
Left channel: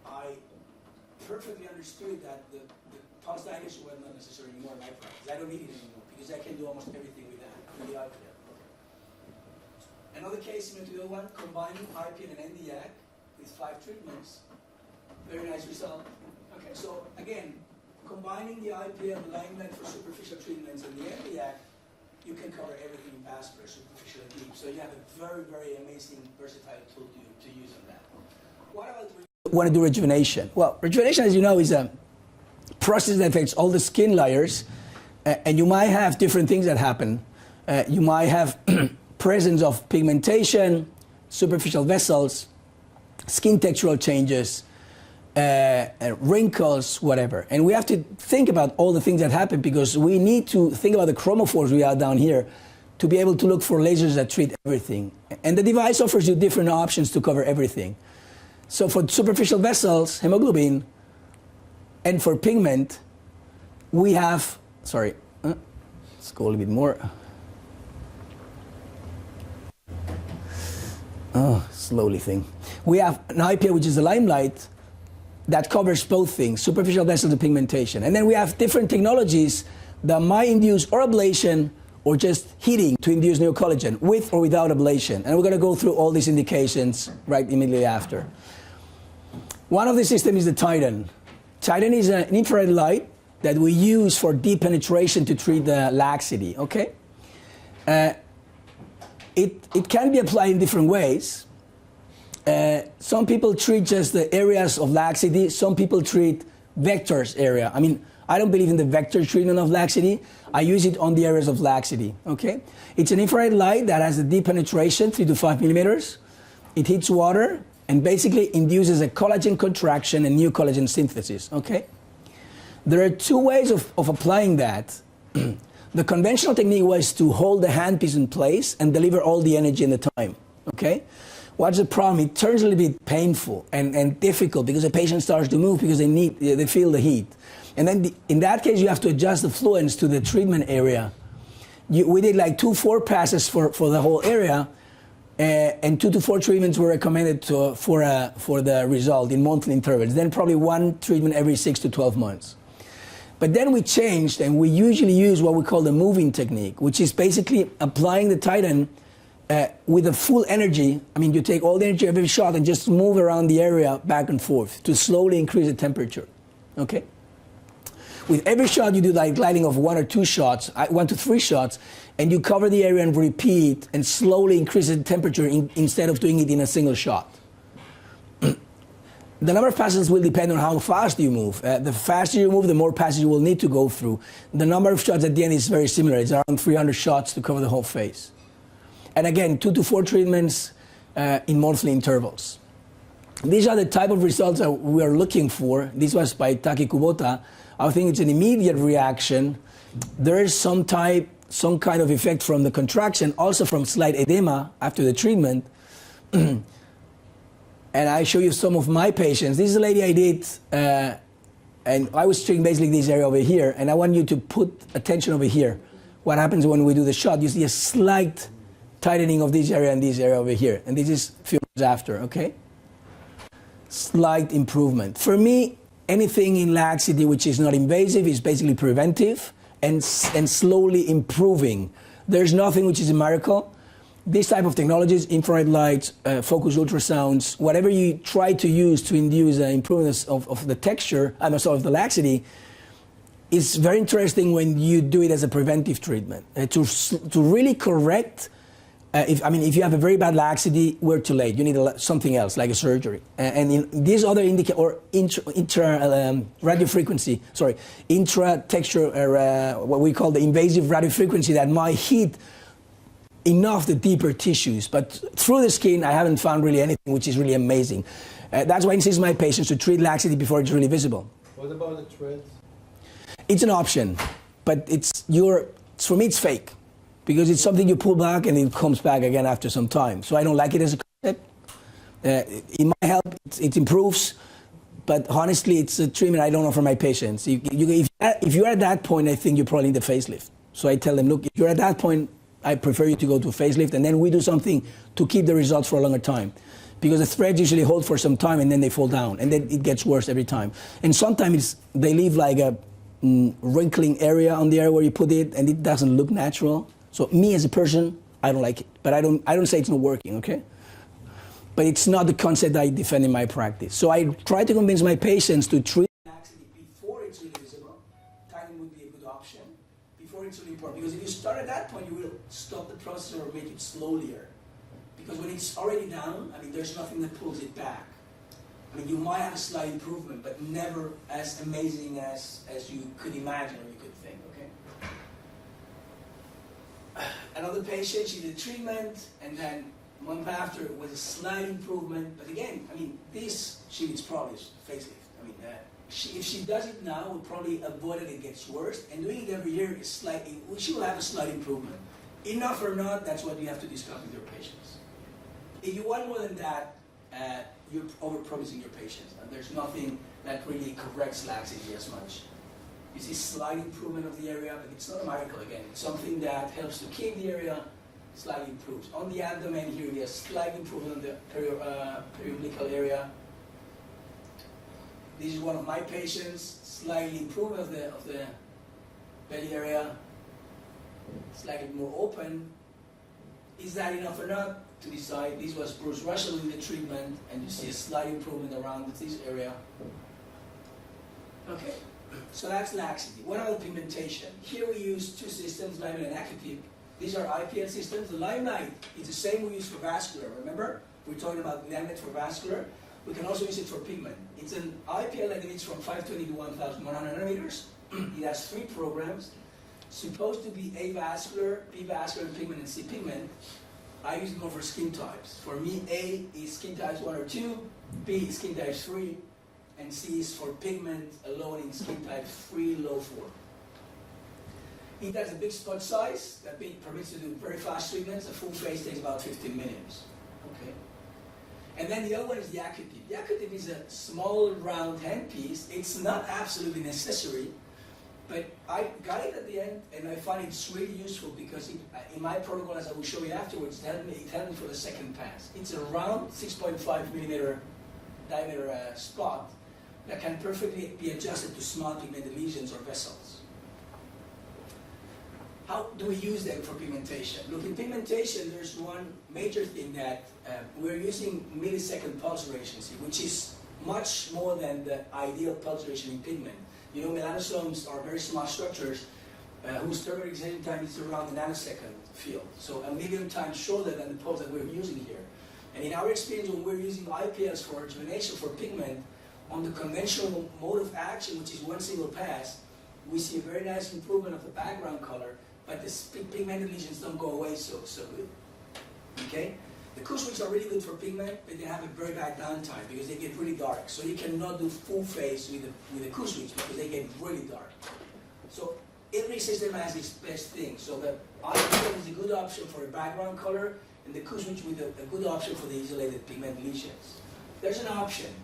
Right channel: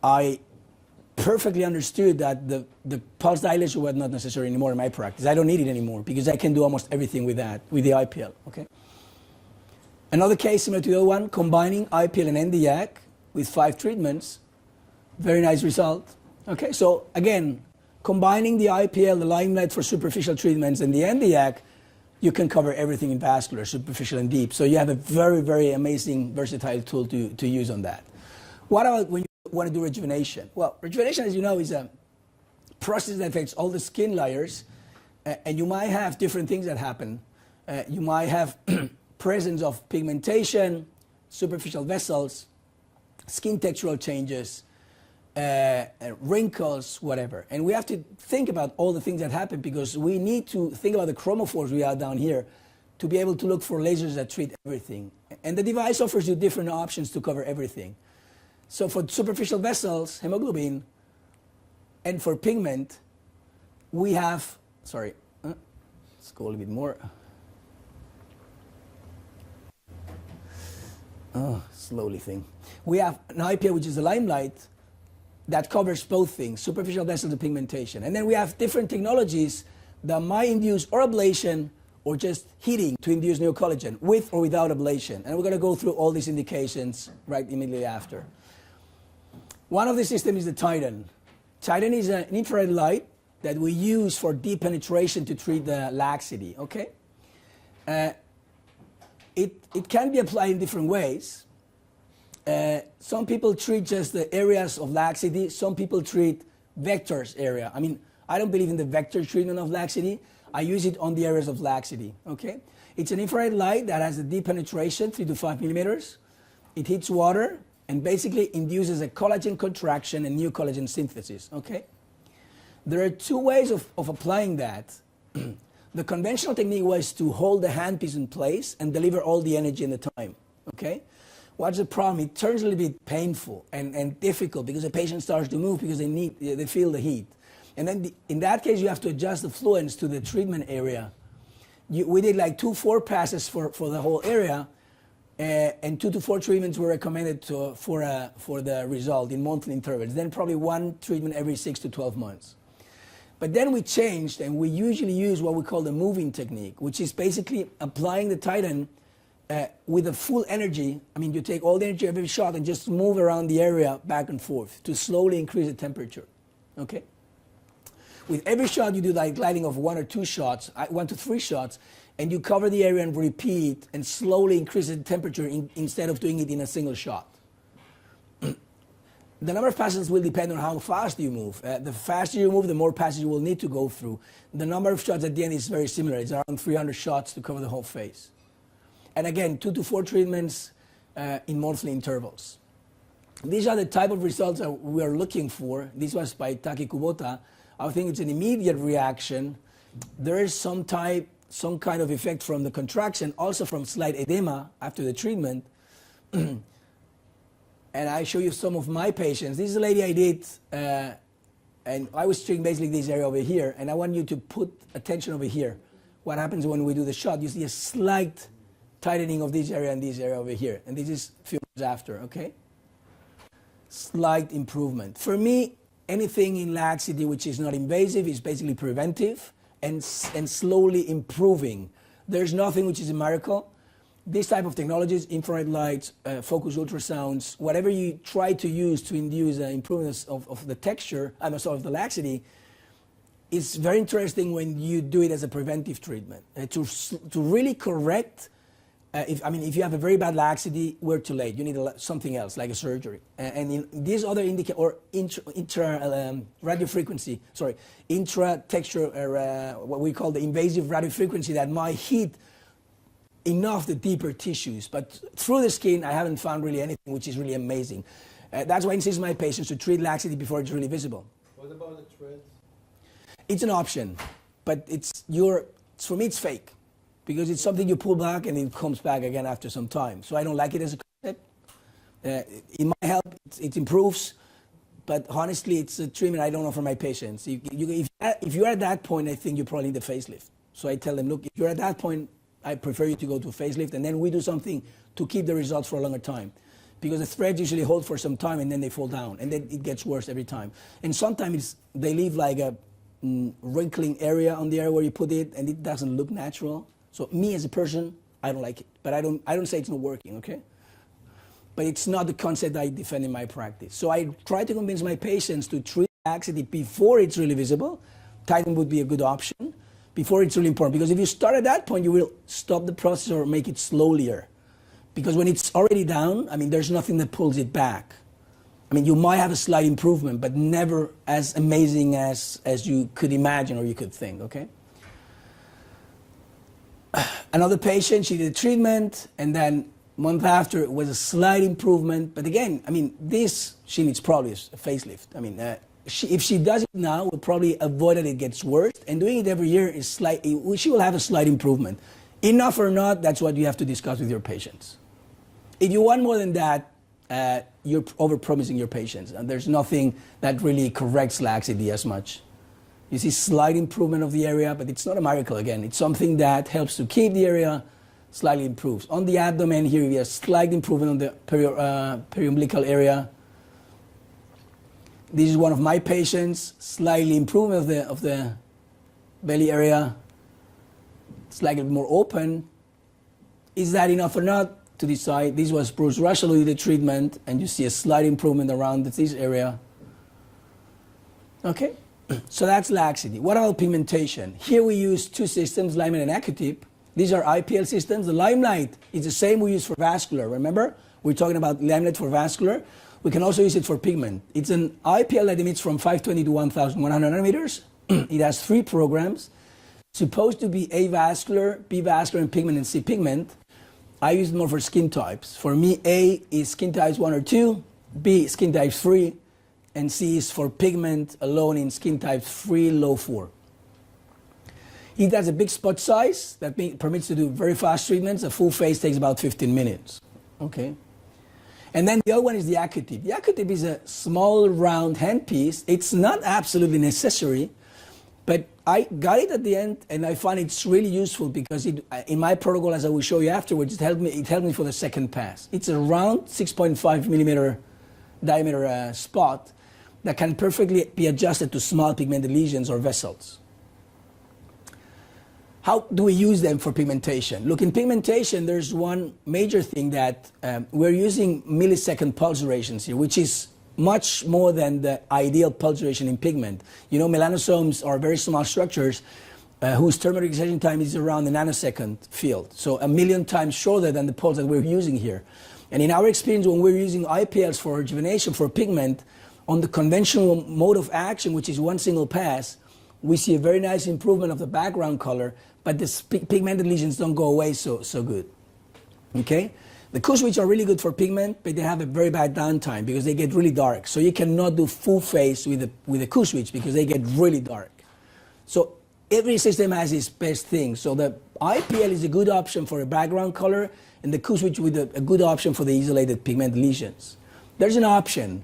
I perfectly understood that the pulse dilation was not necessary anymore in my practice. I don't need it anymore because I can do almost everything with that, with the IPL, okay? Another case similar to the other one, combining IPL and NDYAC with 5 treatments, very nice result, okay? So again, combining the IPL, the limelight for superficial treatments, and the NDYAC, you can cover everything in vascular, superficial and deep. So you have a very, very amazing, versatile tool to use on that. What about when you want to do rejuvenation? Well, rejuvenation, as you know, is a process that affects all the skin layers, and you might have different things that happen. You might have presence of pigmentation, superficial vessels, skin textural changes, wrinkles, whatever. And we have to think about all the things that happen because we need to think about the chromophores we have down here to be able to look for lasers that treat everything. And the device offers you different options to cover everything. So for superficial vessels, hemoglobin, and for pigment, we have, sorry, let's go a little bit more. Oh, slowly thing. We have an IPA, which is the limelight, that covers both things, superficial vessels and pigmentation. And then we have different technologies that might induce or ablation or just heating to induce new collagen, with or without ablation. And we're going to go through all these indications right immediately after. One of the systems is the Titan. Titan is an infrared light that we use for deep penetration to treat the laxity, okay? It can be applied in different ways. Some people treat just the areas of laxity. Some people treat vectors area. I mean, I don't believe in the vector treatment of laxity. I use it on the areas of laxity, okay? It's an infrared light that has a deep penetration, 3 to 5 millimeters. It hits water and basically induces a collagen contraction and new collagen synthesis, okay? There are 2 ways of applying that. The conventional technique was to hold the handpiece in place and deliver all the energy in the time, okay? What's the problem? It turns a little bit painful and difficult because the patient starts to move because they feel the heat. And then in that case, you have to adjust the fluence to the treatment area. We did like 2-4 passes for the whole area, and 2 to 4 treatments were recommended for the result in monthly intervals. Then probably 1 treatment every 6 to 12 months. But then we changed, and we usually use what we call the moving technique, which is basically applying the Titan with the full energy. I mean, you take all the energy of every shot and just move around the area back and forth to slowly increase the temperature, okay? With every shot, you do like gliding of 1 or 2 shots, 1 to 3 shots, and you cover the area and repeat and slowly increase the temperature instead of doing it in a single shot. The number of passes will depend on how fast you move. The faster you move, the more passes you will need to go through. The number of shots at the end is very similar. It's around 300 shots to cover the whole face. And again, 2 to 4 treatments in monthly intervals. These are the type of results that we are looking for. This was by Taki Kubota. I think it's an immediate reaction. There is some kind of effect from the contraction, also from slight edema after the treatment. And I show you some of my patients. This is a lady I did, and I was treating basically this area over here, and I want you to put attention over here. What happens when we do the shot? You see a slight tightening of this area and this area over here. And this is a few months after, okay? Slight improvement. For me, anything in laxity which is not invasive is basically preventive and slowly improving. There's nothing which is a miracle. This type of technologies, infrared lights, focus ultrasounds, whatever you try to use to induce an improvement of the texture, of the laxity, is very interesting when you do it as a preventive treatment. To really correct if you have a very bad laxity, we're too late. You need something else, like a surgery. And in these other intra-texture, what we call the invasive radiofrequency, that might hit enough the deeper tissues. But through the skin, I haven't found really anything, which is really amazing. That's why I insist my patients to treat laxity before it's really visible. What about the threads? It's an option, but for me, it's fake. Because it's something you pull back and it comes back again after some time. So I don't like it as a concept. It might help, it improves, but honestly, it's a treatment I don't offer my patients. If you're at that point, I think you probably need a facelift. So I tell them, look, if you're at that point, I prefer you to go to a facelift, and then we do something to keep the results for a longer time. Because the threads usually hold for some time and then they fall down, and then it gets worse every time. And sometimes they leave like a wrinkling area on the area where you put it, and it doesn't look natural. So me as a person, I don't like it, but I don't say it's not working, okay? But it's not the concept I defend in my practice. So I try to convince my patients to treat laxity before it's really visible. Tighten would be a good option before it's really important, because if you start at that point, you will stop the process or make it slower. Because when it's already down, there's nothing that pulls it back. You might have a slight improvement, but never as amazing as you could imagine or you could think, okay? Another patient, she did a treatment, and then a month after, it was a slight improvement. But again, she needs probably a facelift. If she does it now, we'll probably avoid that it gets worse. And doing it every year she will have a slight improvement. Enough or not, that's what you have to discuss with your patients. If you want more than that, you're overpromising your patients. And there's nothing that really corrects laxity as much. You see slight improvement of the area, but it's not a miracle again. It's something that helps to keep the area slightly improves. On the abdomen here, we have slight improvement on the periumbilical area. This is one of my patients, slightly improvement of the belly area. Slightly more open. Is that enough or not to decide? This was Bruce Russell who did the treatment, and you see a slight improvement around this area. Okay. So that's laxity. What about pigmentation? Here we use two systems, Limelight and Acutip. These are IPL systems. The Limelight is the same we use for vascular. Remember? We're talking about Limelight for vascular. We can also use it for pigment. It's an IPL that emits from 520 to 1,100 nanometers. It has 3 programs. Supposed to be avascular, B vascular, and pigment, and C pigment. I use it more for skin types. For me, A is skin types 1 or 2, B skin types 3, and C is for pigment alone in skin type 3, low 4. It has a big spot size that permits to do very fast treatments. A full face takes about 15 minutes. Okay. And then the other one is the Acutip. The Acutip is a small round handpiece. It's not absolutely necessary, but I got it at the end, and I find it's really useful because in my protocol, as I will show you afterwards, it helped me for the second pass. It's a round 6.5 millimeter diameter spot that can perfectly be adjusted to small pigmented lesions or vessels. How do we use them for pigmentation? Look, in pigmentation, there's one major thing that we're using millisecond pulse durations here, which is much more than the ideal pulse duration in pigment. You know, melanosomes are very small structures whose thermal excitation time is around the nanosecond field. So 1,000,000 times shorter than the pulse that we're using here. And in our experience, when we're using IPLs for rejuvenation for pigment, on the conventional mode of action, which is one single pass, we see a very nice improvement of the background color, but the pigmented lesions don't go away so good. Okay? The Q-switch are really good for pigment, but they have a very bad downtime because they get really dark. So you cannot do full face with the Q-switch because they get really dark. So every system has its best thing. So the IPL is a good option for a background color, and the Q-switch with a good option for the isolated pigment lesions. There's an option,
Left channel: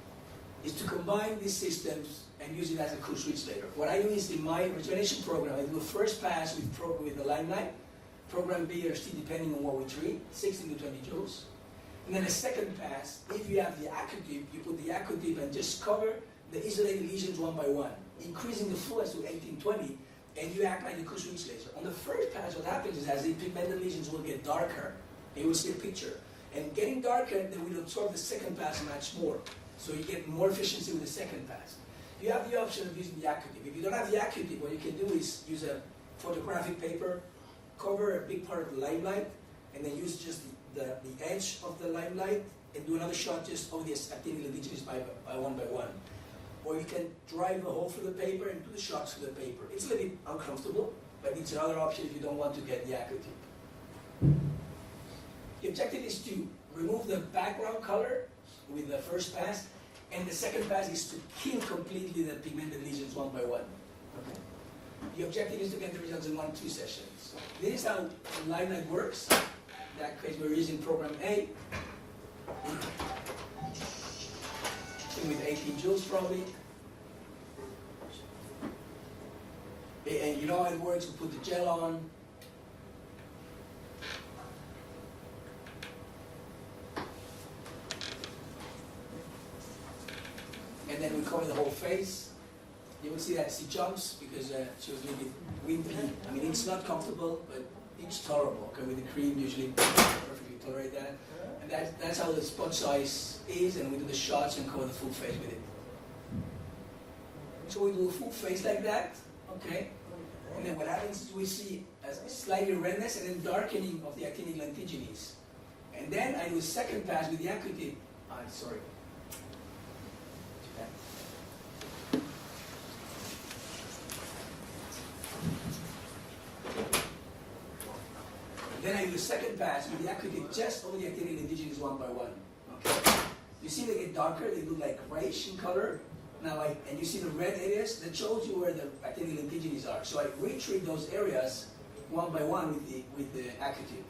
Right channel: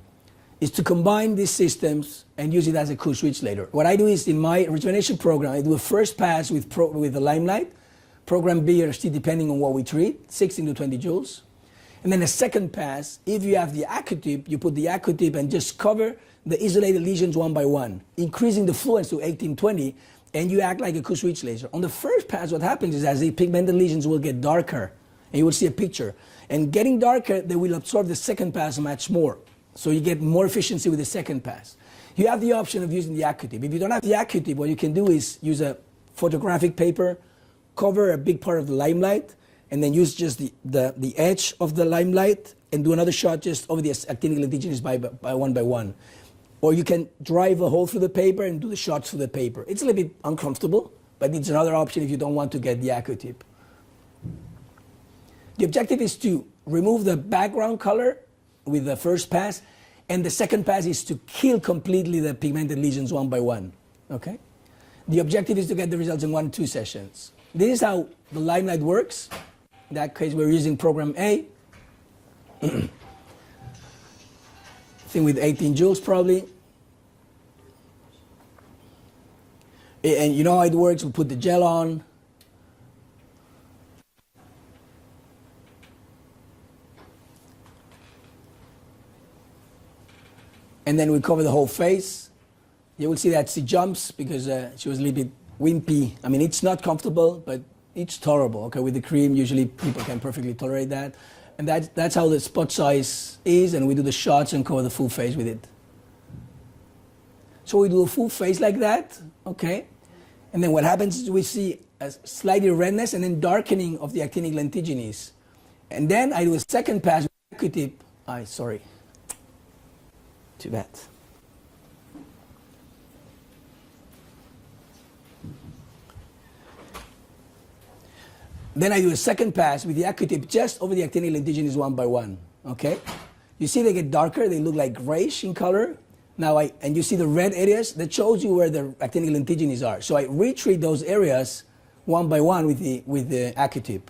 is to combine these systems and use it as a Q-switch later. What I do is in my rejuvenation program, I do a first pass with the Limelight, program B or C depending on what we treat, 16 to 20 joules. And then a second pass, if you have the Acutip, you put the Acutip and just cover the isolated lesions one by one, increasing the fluence to 18-20, and you act like a Q-switch laser. On the first pass, what happens is as the pigmented lesions will get darker, and you will see a picture. And getting darker, they will absorb the second pass much more. So you get more efficiency with the second pass. You have the option of using the Acutip. If you don't have the Acutip, what you can do is use a photographic paper, cover a big part of the Limelight, and then use just the edge of the limelight and do another shot just over the actinic lentiginous by one by one. Or you can drive a hole through the paper and do the shots through the paper. It's a little bit uncomfortable, but it's another option if you don't want to get the AccuTip. The objective is to remove the background color with the first pass, and the second pass is to kill completely the pigmented lesions one by one. Okay? The objective is to get the results in 1 or 2 sessions. This is how the limelight works. In that case, we're using program A. I think with 18 joules probably. And you know how it works, we put the gel on. And then we cover the whole face. You will see that she jumps because she was a little bit wimpy. I mean, it's not comfortable, but it's tolerable. Okay, with the cream, usually people can perfectly tolerate that. And that's how the spot size is, and we do the shots and cover the full face with it. So we do a full face like that, okay? And then what happens is we see a slightly redness and then darkening of the actinic lentiginous. And then I do a second pass with the AccuTip. Sorry. Too bad. Then I do a second pass with the AccuTip just over the actinic lentiginous one by one. Okay? You see they get darker, they look like grayish in color. Now and you see the red areas, that shows you where the actinic lentiginous are. So I retreat those areas one by one with the AccuTip.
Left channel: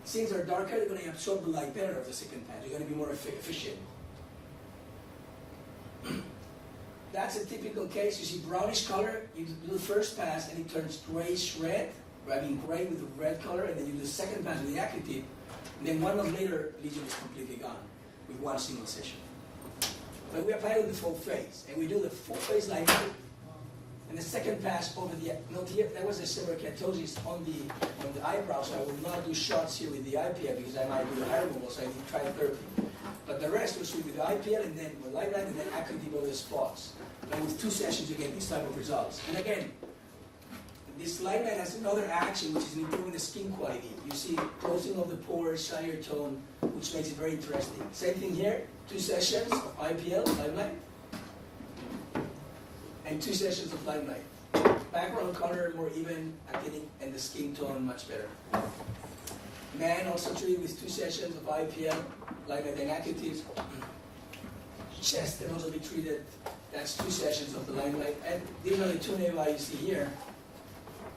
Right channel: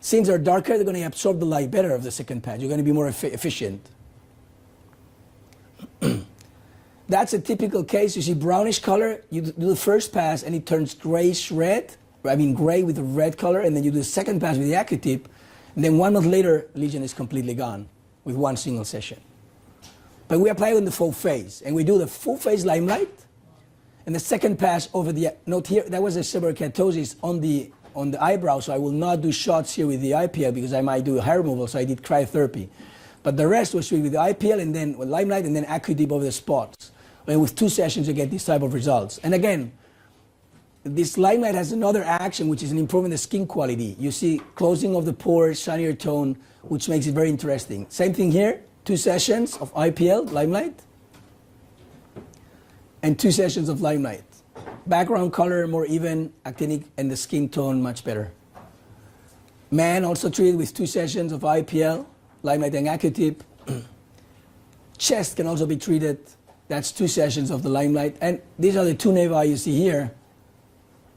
Since they're darker, they're going to absorb the light better of the second pass. You're going to be more efficient. That's a typical case. You see brownish color, you do the first pass and it turns grayish red. I mean gray with a red color, and then you do the second pass with the AccuTip, and then 1 month later, lesion is completely gone with one single session. But we apply it on the full face, and we do the full face limelight, and the second pass over the, note here, that was a severe keratosis on the eyebrow, so I will not do shots here with the IPL because I might do hair removal, so I did cryotherapy. But the rest was with the IPL and then with limelight and then AccuDip over the spots. And with 2 sessions, you get this type of results. And again, this limelight has another action, which is an improving the skin quality. You see closing of the pores, shinier tone, which makes it very interesting. Same thing here, 2 sessions of IPL, limelight, and 2 sessions of limelight. Background color more even, actinic, and the skin tone much better. Man also treated with 2 sessions of IPL, limelight and AccuTip. Chest can also be treated. That's 2 sessions of the limelight. And these are the 2 nevi you see here.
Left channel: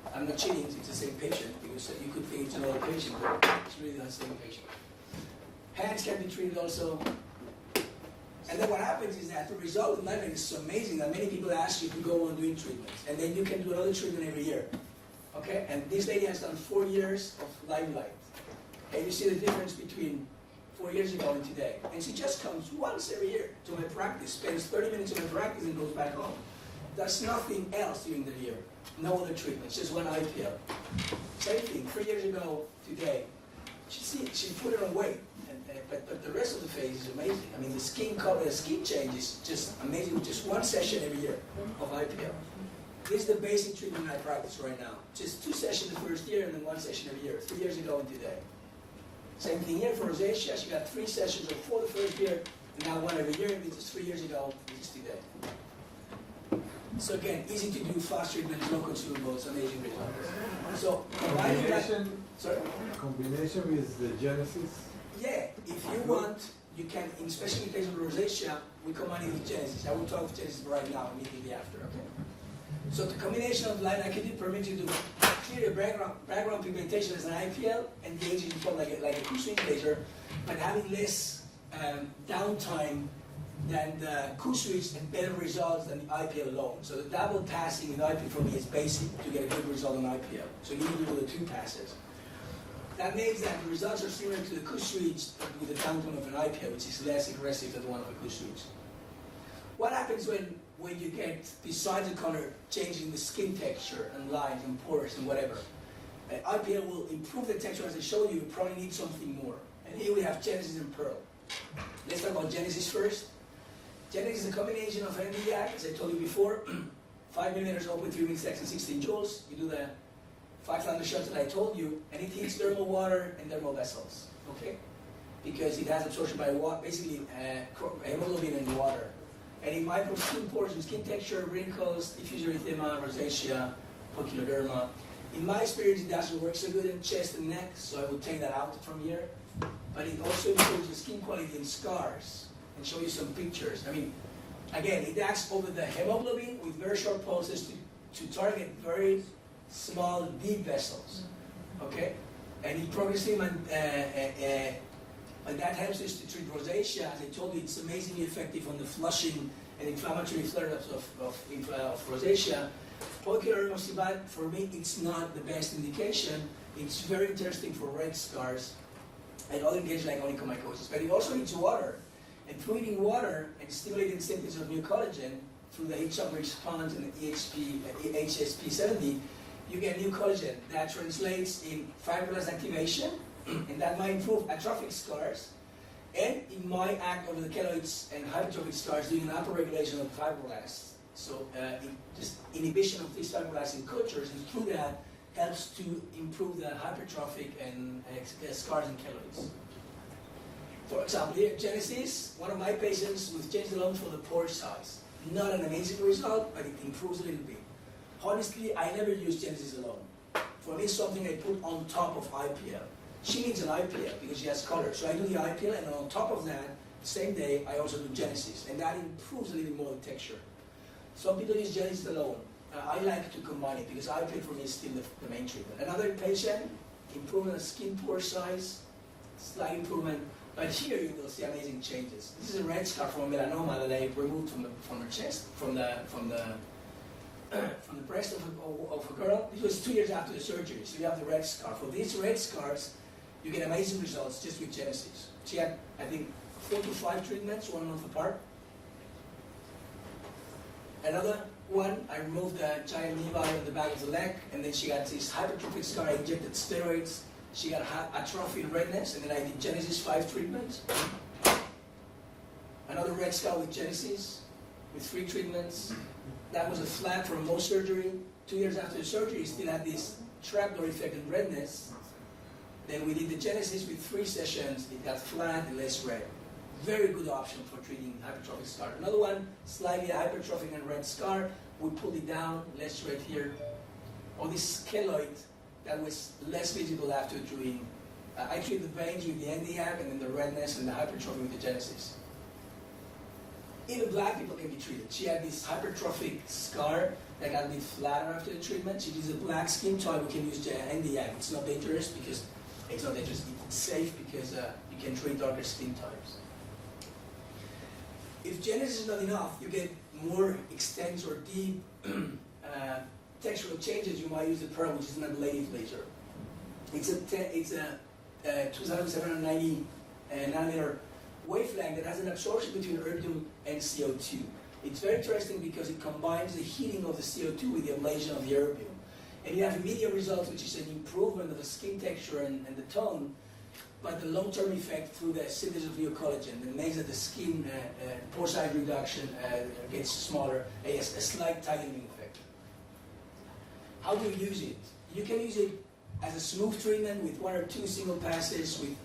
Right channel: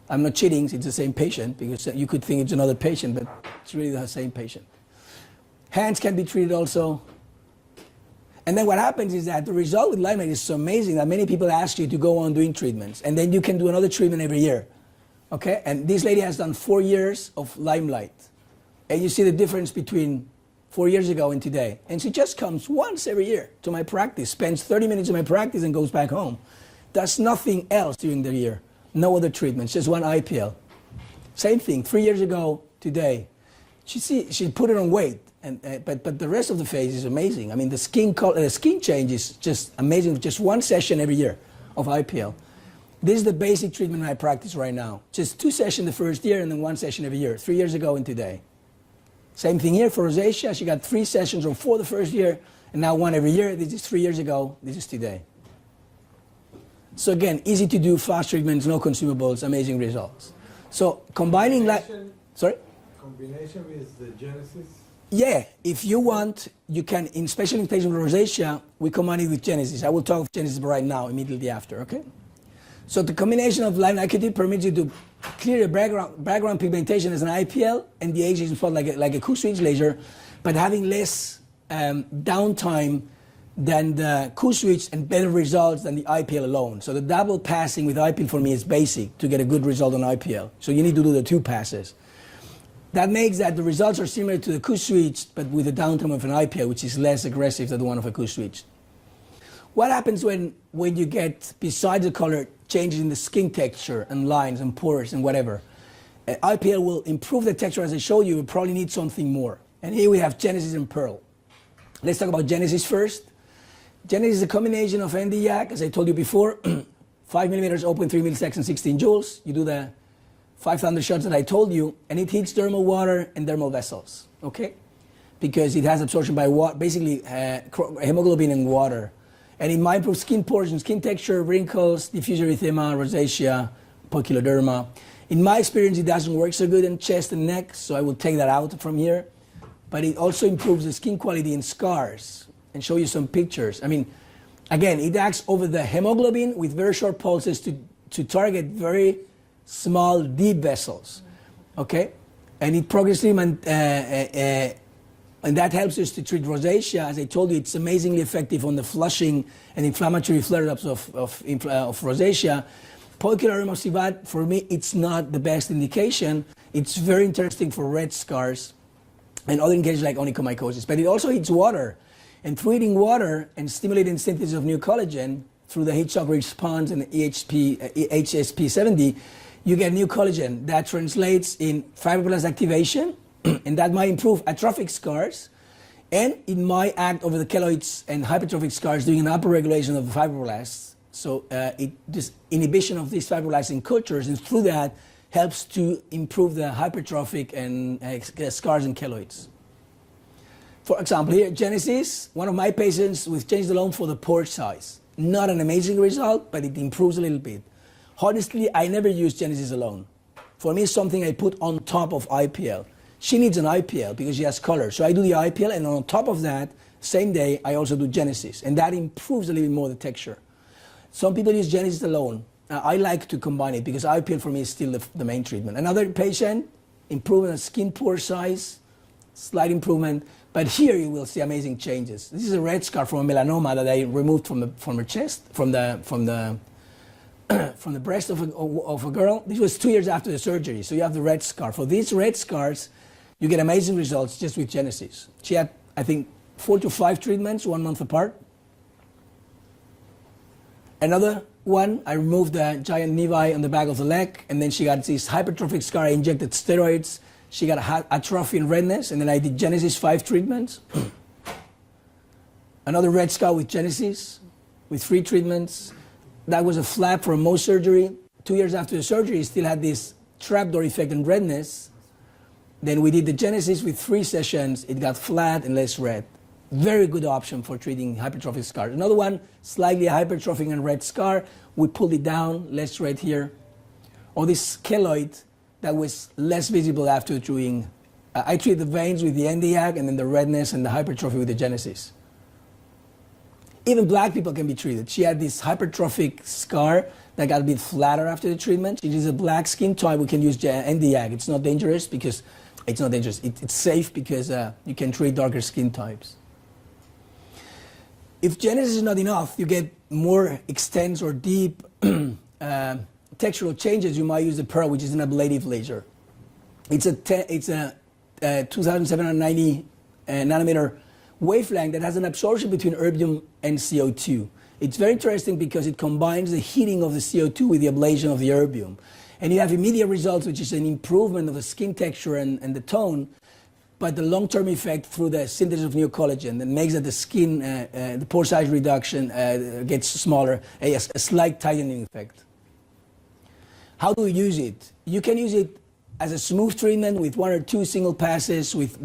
I'm not cheating, it's the same patient, because you could think it's another patient, but it's really the same patient. Hands can be treated also. And then what happens is that the result with limelight is so amazing that many people ask you to go on doing treatments. And then you can do another treatment every year. Okay? And this lady has done 4 years of limelight. And you see the difference between 4 years ago and today. And she just comes once every year to my practice, spends 30 minutes in my practice and goes back home. Does nothing else during the year. No other treatments, just one IPL. Same thing, 3 years ago today. She put it on weight, but the rest of the face is amazing. I mean, the skin change is just amazing. Just 1 session every year of IPL. This is the basic treatment I practice right now. Just 2 sessions the first year and then 1 session every year, 3 years ago and today. Same thing here for rosacea. She got 3 sessions or 4 the first year, and now 1 every year. This is 3 years ago. This is today. So again, easy to do, fast treatments, no consumables, amazing results. So combining that, sorry? Combination with the Genesis? Yeah, if you want, you can, especially in patients with rosacea, we combine it with Genesis. I will talk of Genesis right now, immediately after, okay? So the combination of line AccuTip permits you to clear the background pigmentation as an IPL and the aging spot like a Q-switch laser, but having less downtime than the Q-switch and better results than the IPL alone. So the double passing with IPL for me is basic to get a good result on IPL. So you need to do the 2 passes. That makes that the results are similar to the Q-switch, but with the downtime of an IPL, which is less aggressive than the one of a Q-switch. What happens when you get, besides the color, changes in the skin texture and lines and pores and whatever? IPL will improve the texture as I showed you. You probably need something more. And here we have Genesis and Pearl. Let's talk about Genesis first. Genesis is a combination of Nd:YAG, as I told you before, 5 millimeters open, 3 milliseconds, 16 joules. You do the 500 shots that I told you, and it hits dermal water and dermal vessels, okay? Because it has absorption by water, basically hemoglobin and water. And it might improve skin pores and skin texture, wrinkles, diffuse erythema, rosacea, poikiloderma. In my experience, it doesn't work so good in chest and neck, so I will take that out from here. But it also improves the skin quality in scars, and show you some pictures. I mean, again, it acts over the hemoglobin with very short pulses to target very small, deep vessels, okay? And it progressively, and that helps us to treat rosacea. As I told you, it's amazingly effective on the flushing and inflammatory flare-ups of rosacea. Poikiloderma severe, for me, it's not the best indication. It's very interesting for red scars and other indications like onychomycosis. But it also eats water. And through eating water and stimulating synthesis of new collagen through the heat shock response and HSP70, you get new collagen that translates in fibroblast activation, and that might improve atrophic scars, and it might act over the keloids and hypertrophic scars, doing an upper regulation of the fibroblasts. So this inhibition of these fibroblasts in cultures, and through that helps to improve the hypertrophic and scars and keloids. For example, here, Genesis, one of my patients with changed alone for the pore size. Not an amazing result, but it improves a little bit. Honestly, I never use Genesis alone. For me, it's something I put on top of IPL. She needs an IPL because she has color. So I do the IPL, and on top of that, same day, I also do Genesis. And that improves a little bit more the texture. Some people use Genesis alone. I like to combine it because IPL for me is still the main treatment. Another patient, improvement of skin pore size, slight improvement. But here you will see amazing changes. This is a red scar from a melanoma that I removed from her chest, from the breast of a girl. This was 2 years after the surgery. So you have the red scar. For these red scars, you get amazing results just with Genesis. She had, I think, 4 to 5 treatments, 1 month apart. Another one, I removed the giant nevi on the back of the leg, and then she got this hypertrophic scar. I injected steroids. She got atrophy and redness, and then I did Genesis 5 treatments. Another red scar with Genesis, with 3 treatments. That was a flap for a Mohs surgery. 2 years after the surgery, still had this trapdoor effect and redness. Then we did the Genesis with 3 sessions. It got flat and less red. Very good option for treating hypertrophic scars. Another one, slightly hypertrophic and red scar. We pulled it down, less red here. Or this keloid that was less visible after doing, I treat the veins with the NDAC and then the redness and the hypertrophy with the Genesis. Even black people can be treated. She had this hypertrophic scar that got a bit flatter after the treatment. It is a black skin type. We can use NDAC. It's not dangerous because, it's not dangerous. It's safe because you can treat darker skin types. If Genesis is not enough, you get more extensive or deep textural changes, you might use the Pearl, which is an ablative laser. It's a 2,790 nanometer wavelength that has an absorption between erbium and CO2. It's very interesting because it combines the heating of the CO2 with the ablation of the erbium. And you have immediate results, which is an improvement of the skin texture and the tone, but the long-term effect through the synthesis of new collagen that makes that the skin, the pore size reduction gets smaller, a slight tightening effect. How do we use it? You can use it as a smooth treatment with 1 or 2 single passes, with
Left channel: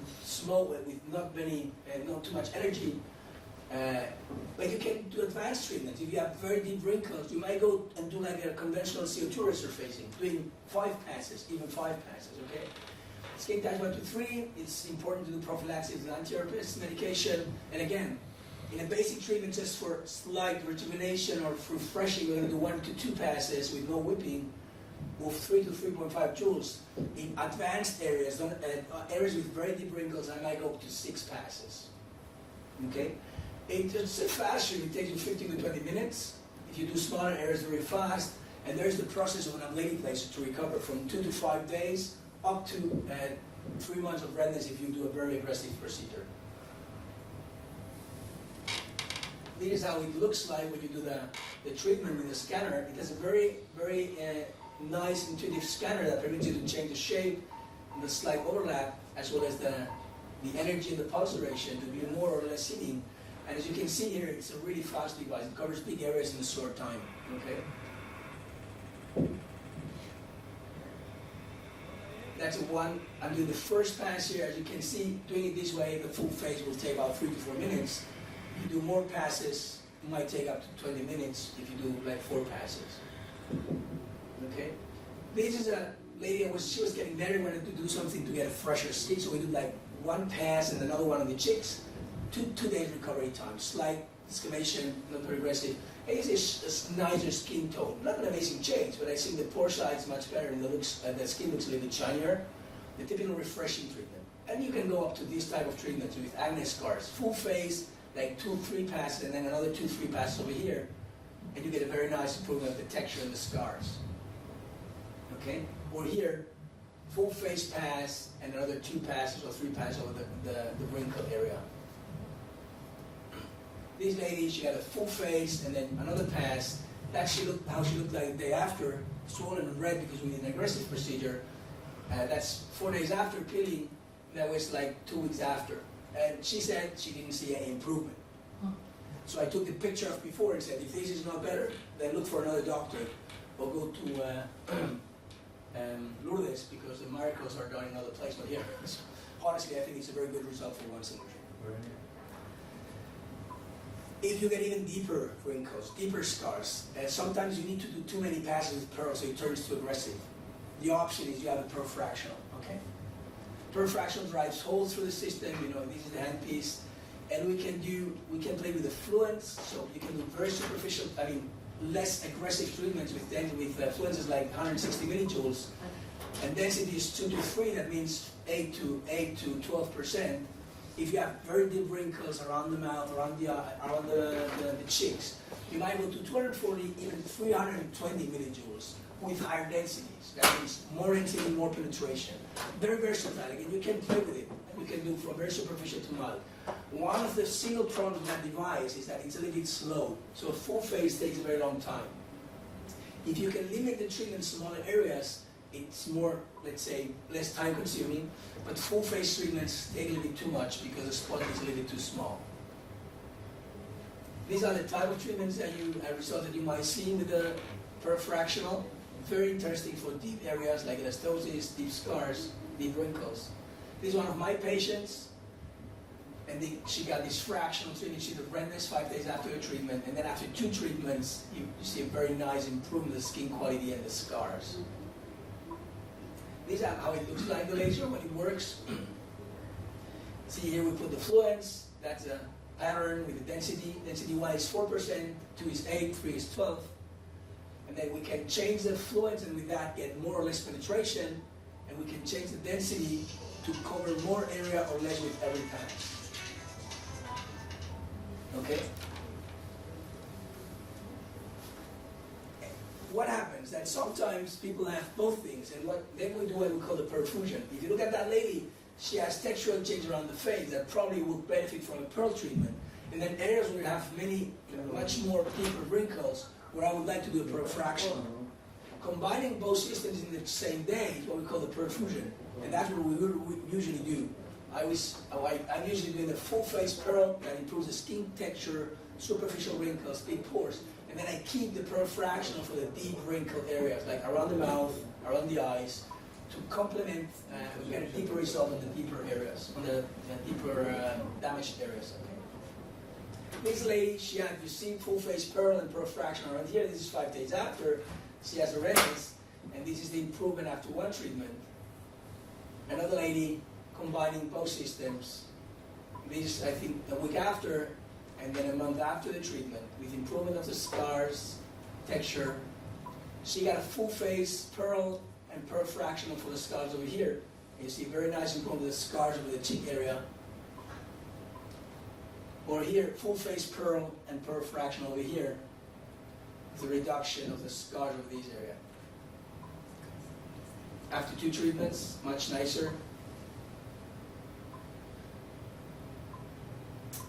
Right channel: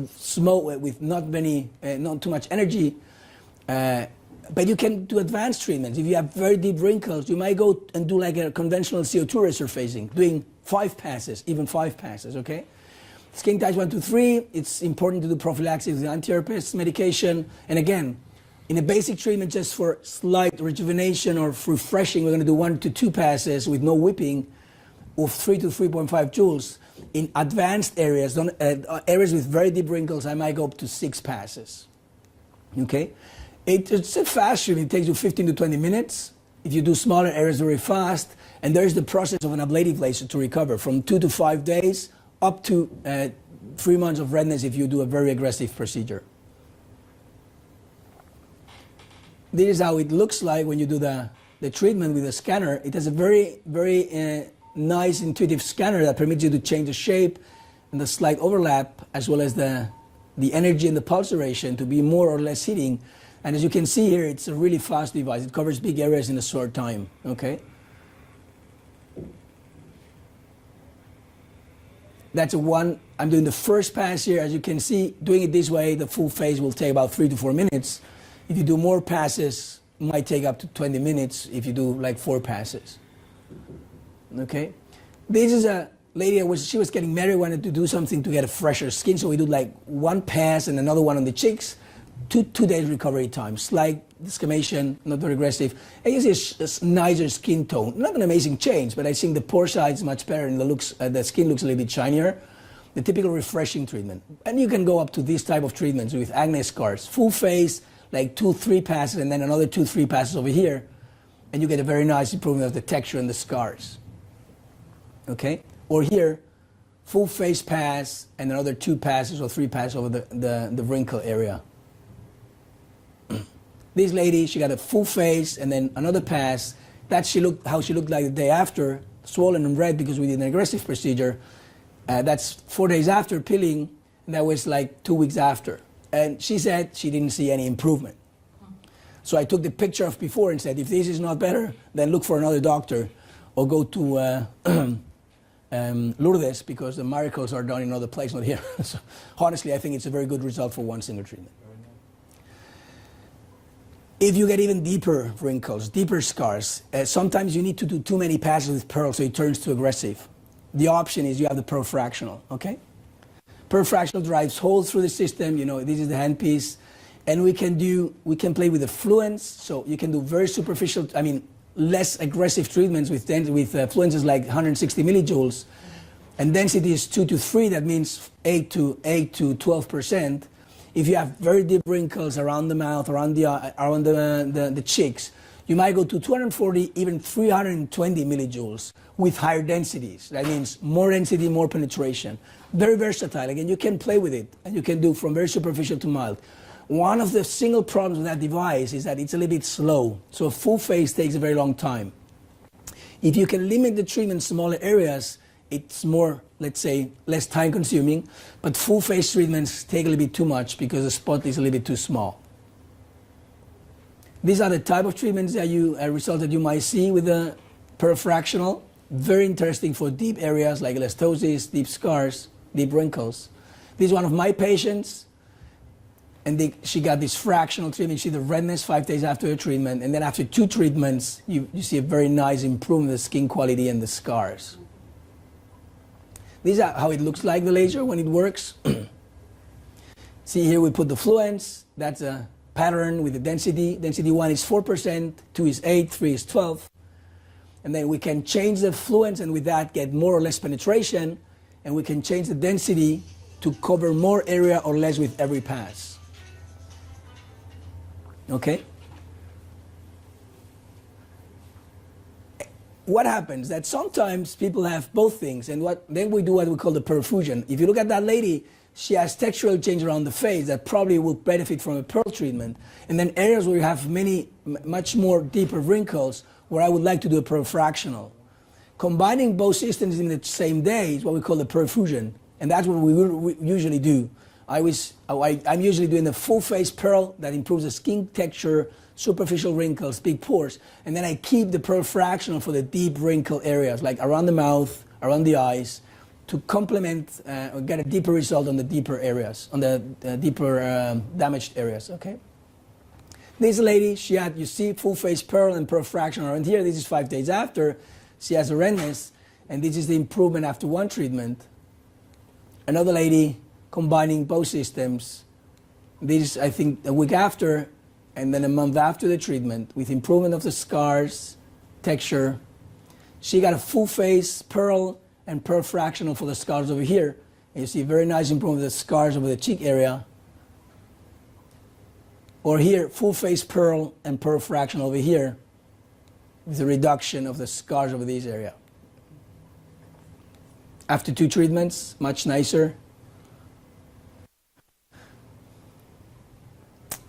not too much energy. But you can do advanced treatments. If you have very deep wrinkles, you might go and do like a conventional CO2 resurfacing, doing 5 passes, even 5 passes, okay? Skin types 1 to 3, it's important to do prophylaxis with anti-herpes medication. And again, in a basic treatment just for slight rejuvenation or refreshing, we're going to do 1 to 2 passes with no whipping of 3 to 3.5 joules. In advanced areas, areas with very deep wrinkles, I might go up to 6 passes. Okay? It's a fast treatment. It takes you 15 to 20 minutes. If you do smaller areas very fast, and there's the process of an ablative laser to recover from 2 to 5 days up to 3 months of redness if you do a very aggressive procedure. This is how it looks like when you do the treatment with a scanner. It has a very, very nice intuitive scanner that permits you to change the shape and the slight overlap, as well as the energy and the pulse duration to be more or less heating. And as you can see here, it's a really fast device. It covers big areas in a short time, okay? That's a one. I'm doing the first pass here. As you can see, doing it this way, the full phase will take about 3 to 4 minutes. If you do more passes, it might take up to 20 minutes if you do like 4 passes. Okay? This is a lady, she was getting married, wanted to do something to get a fresher skin, so we do like 1 pass and another one on the cheeks. 2 days recovery time. Slight desquamation, not very aggressive. And you see a nicer skin tone. Not an amazing change, but I think the pore size is much better and the skin looks a little bit shinier. The typical refreshing treatment. And you can go up to this type of treatments with acne scars. Full face, like 2-3 passes, and then another 2-3 passes over here. And you get a very nice improvement of the texture and the scars. Okay? Or here, full face pass and another 2 passes or 3 passes over the wrinkle area. This lady, she got a full face and then another pass. That's how she looked like the day after, swollen and red because we did an aggressive procedure. That's 4 days after peeling, and that was like 2 weeks after. And she said she didn't see any improvement. So I took the picture of before and said, if this is not better, then look for another doctor or go to Lourdes, because the miracles are done in another place, not here. So honestly, I think it's a very good result for one single treatment. If you get even deeper wrinkles, deeper scars, sometimes you need to do too many passes with pearl so it turns too aggressive. The option is you have the pearl fractional, okay? Pearl fractional drives holes through the system, this is the handpiece, and we can play with the fluence, so you can do very superficial, less aggressive treatments with fluences like 160 millijoules, and density is 2 to 3, that means 8 to 12%. If you have very deep wrinkles around the mouth, around the cheeks, you might go to 240, even 320 millijoules with higher densities. That means more density, more penetration. Very versatile. Again, you can play with it, and you can do from very superficial to mild. One of the single problems with that device is that it's a little bit slow. So full face takes a very long time. If you can limit the treatment to smaller areas, it's more, let's say, less time consuming, but full face treatments take a little bit too much because the spot is a little bit too small. These are the type of treatments that results that you might see with the pearl fractional. Very interesting for deep areas like elastosis, deep scars, deep wrinkles. This is one of my patients, and she got this fractional treatment. She see the redness 5 days after the treatment, and then after 2 treatments, you see a very nice improvement in the skin quality and the scars. These are how it looks like, the laser, when it works. See here we put the fluence. That's a pattern with the density. Density 1 is 4%, 2 is 8, 3 is 12. And then we can change the fluence and with that get more or less penetration. And we can change the density to cover more area or less with every pass. Okay? What happens that sometimes people have both things, and then we do what we call the perfusion. If you look at that lady, she has textural change around the face that probably will benefit from a pearl treatment. And then areas where you have much more deeper wrinkles, where I would like to do a pearl fractional. Combining both systems in the same day is what we call the perfusion, and that's what we usually do. I'm usually doing the full face pearl that improves the skin texture, superficial wrinkles, big pores, and then I keep the pearl fractional for the deep wrinkle areas, like around the mouth, around the eyes, to complement or get a deeper result on the deeper areas, on the deeper damaged areas, okay? This lady, she had, you see, full face pearl and pearl fractional around here. This is 5 days after. She has a redness, and this is the improvement after 1 treatment. Another lady, combining both systems. This is, I think, a week after, and then a month after the treatment, with improvement of the scars, texture. She got a full face pearl and pearl fractional for the scars over here. And you see very nice improvement of the scars over the cheek area. Or here, full face pearl and pearl fractional over here, with a reduction of the scars over this area. After 2 treatments, much nicer.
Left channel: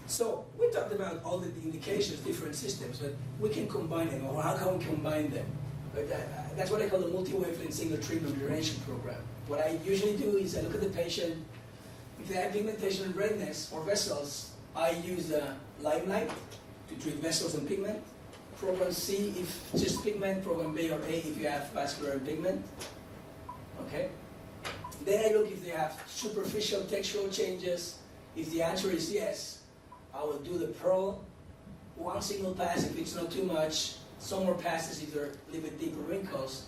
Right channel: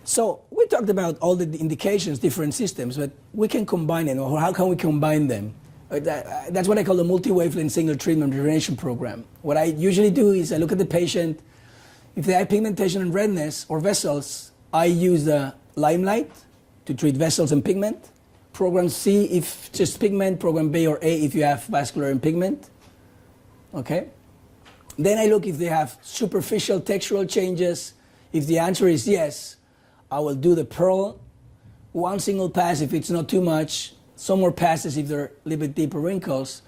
So we talked about all the indications, different systems, but we can combine them, or how can we combine them? That's what I call the multi-wavelength single treatment rejuvenation program. What I usually do is I look at the patient. If they have pigmentation and redness or vessels, I use the limelight to treat vessels and pigment. Program C if just pigment, program B or A if you have vascular and pigment. Okay? Then I look if they have superficial textural changes. If the answer is yes, I will do the pearl, one single pass if it's not too much, some more passes if they're a little bit deeper wrinkles.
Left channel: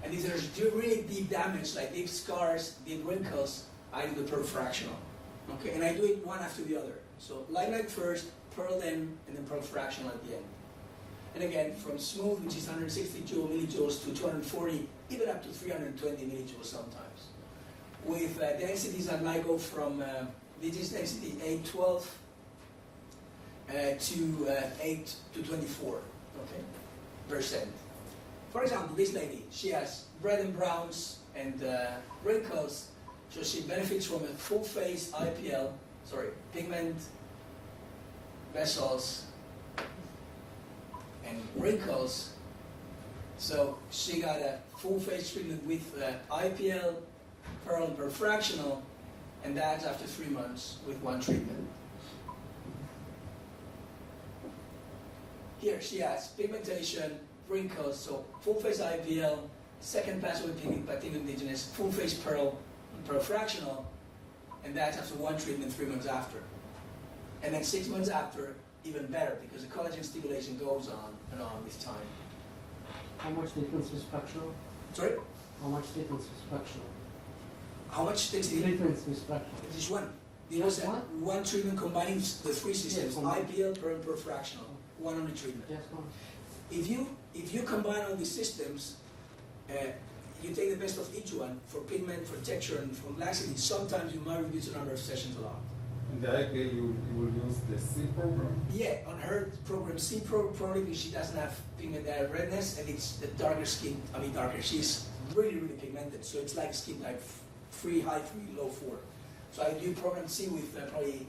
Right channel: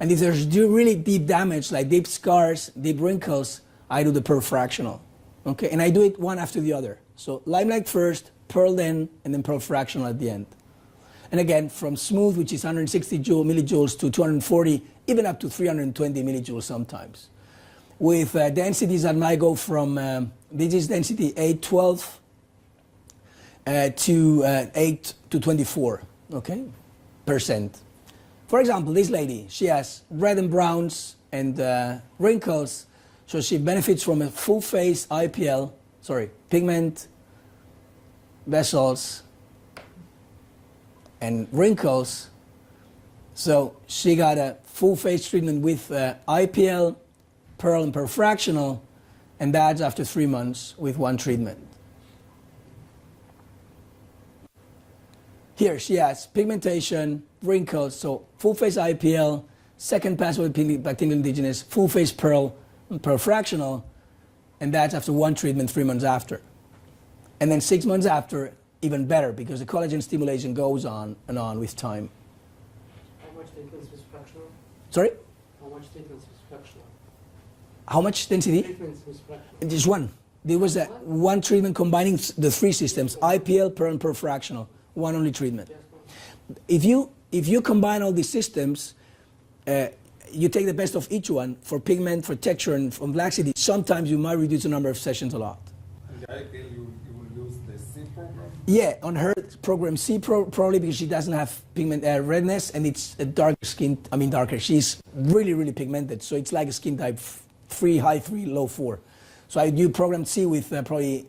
And if there's really deep damage, like deep scars, deep wrinkles, I do the pearl fractional. Okay, and I do it one after the other. So limelight first, pearl then, and then pearl fractional at the end. And again, from smooth, which is 160 millijoules, to 240, even up to 320 millijoules sometimes. With densities that might go from, this is density 812 to 8 to 24, okay, percent. For example, this lady, she has red and browns and wrinkles, so she benefits from a full face IPL, pigment, vessels, and wrinkles. So she got a full face treatment with IPL, pearl and pearl fractional, and that's after 3 months with one treatment. Here she has pigmentation, wrinkles, so full face IPL, second pass with Tingle Indigenous, full face pearl and pearl fractional, and that's after one treatment 3 months after. And then 6 months after, even better, because the collagen stimulation goes on and on with time. How much difference is fractional? Sorry? How much difference is fractional? How much density? Difference is fractional. Just one. There was a one treatment combining the three systems, IPL, pearl, and pearl fractional. One only treatment. Just one. If you combine all these systems, you take the best of each one for pigment, for texture, and for laxity. Sometimes you might reduce the number of sessions a lot. In the IPL, you will use the C program? Yeah, on her program C, probably because she doesn't have pigment redness, and it's a dark skin. I mean darker. She's really pigmented, so it's like a skin type 3, high 3, low 4. So I do program C with probably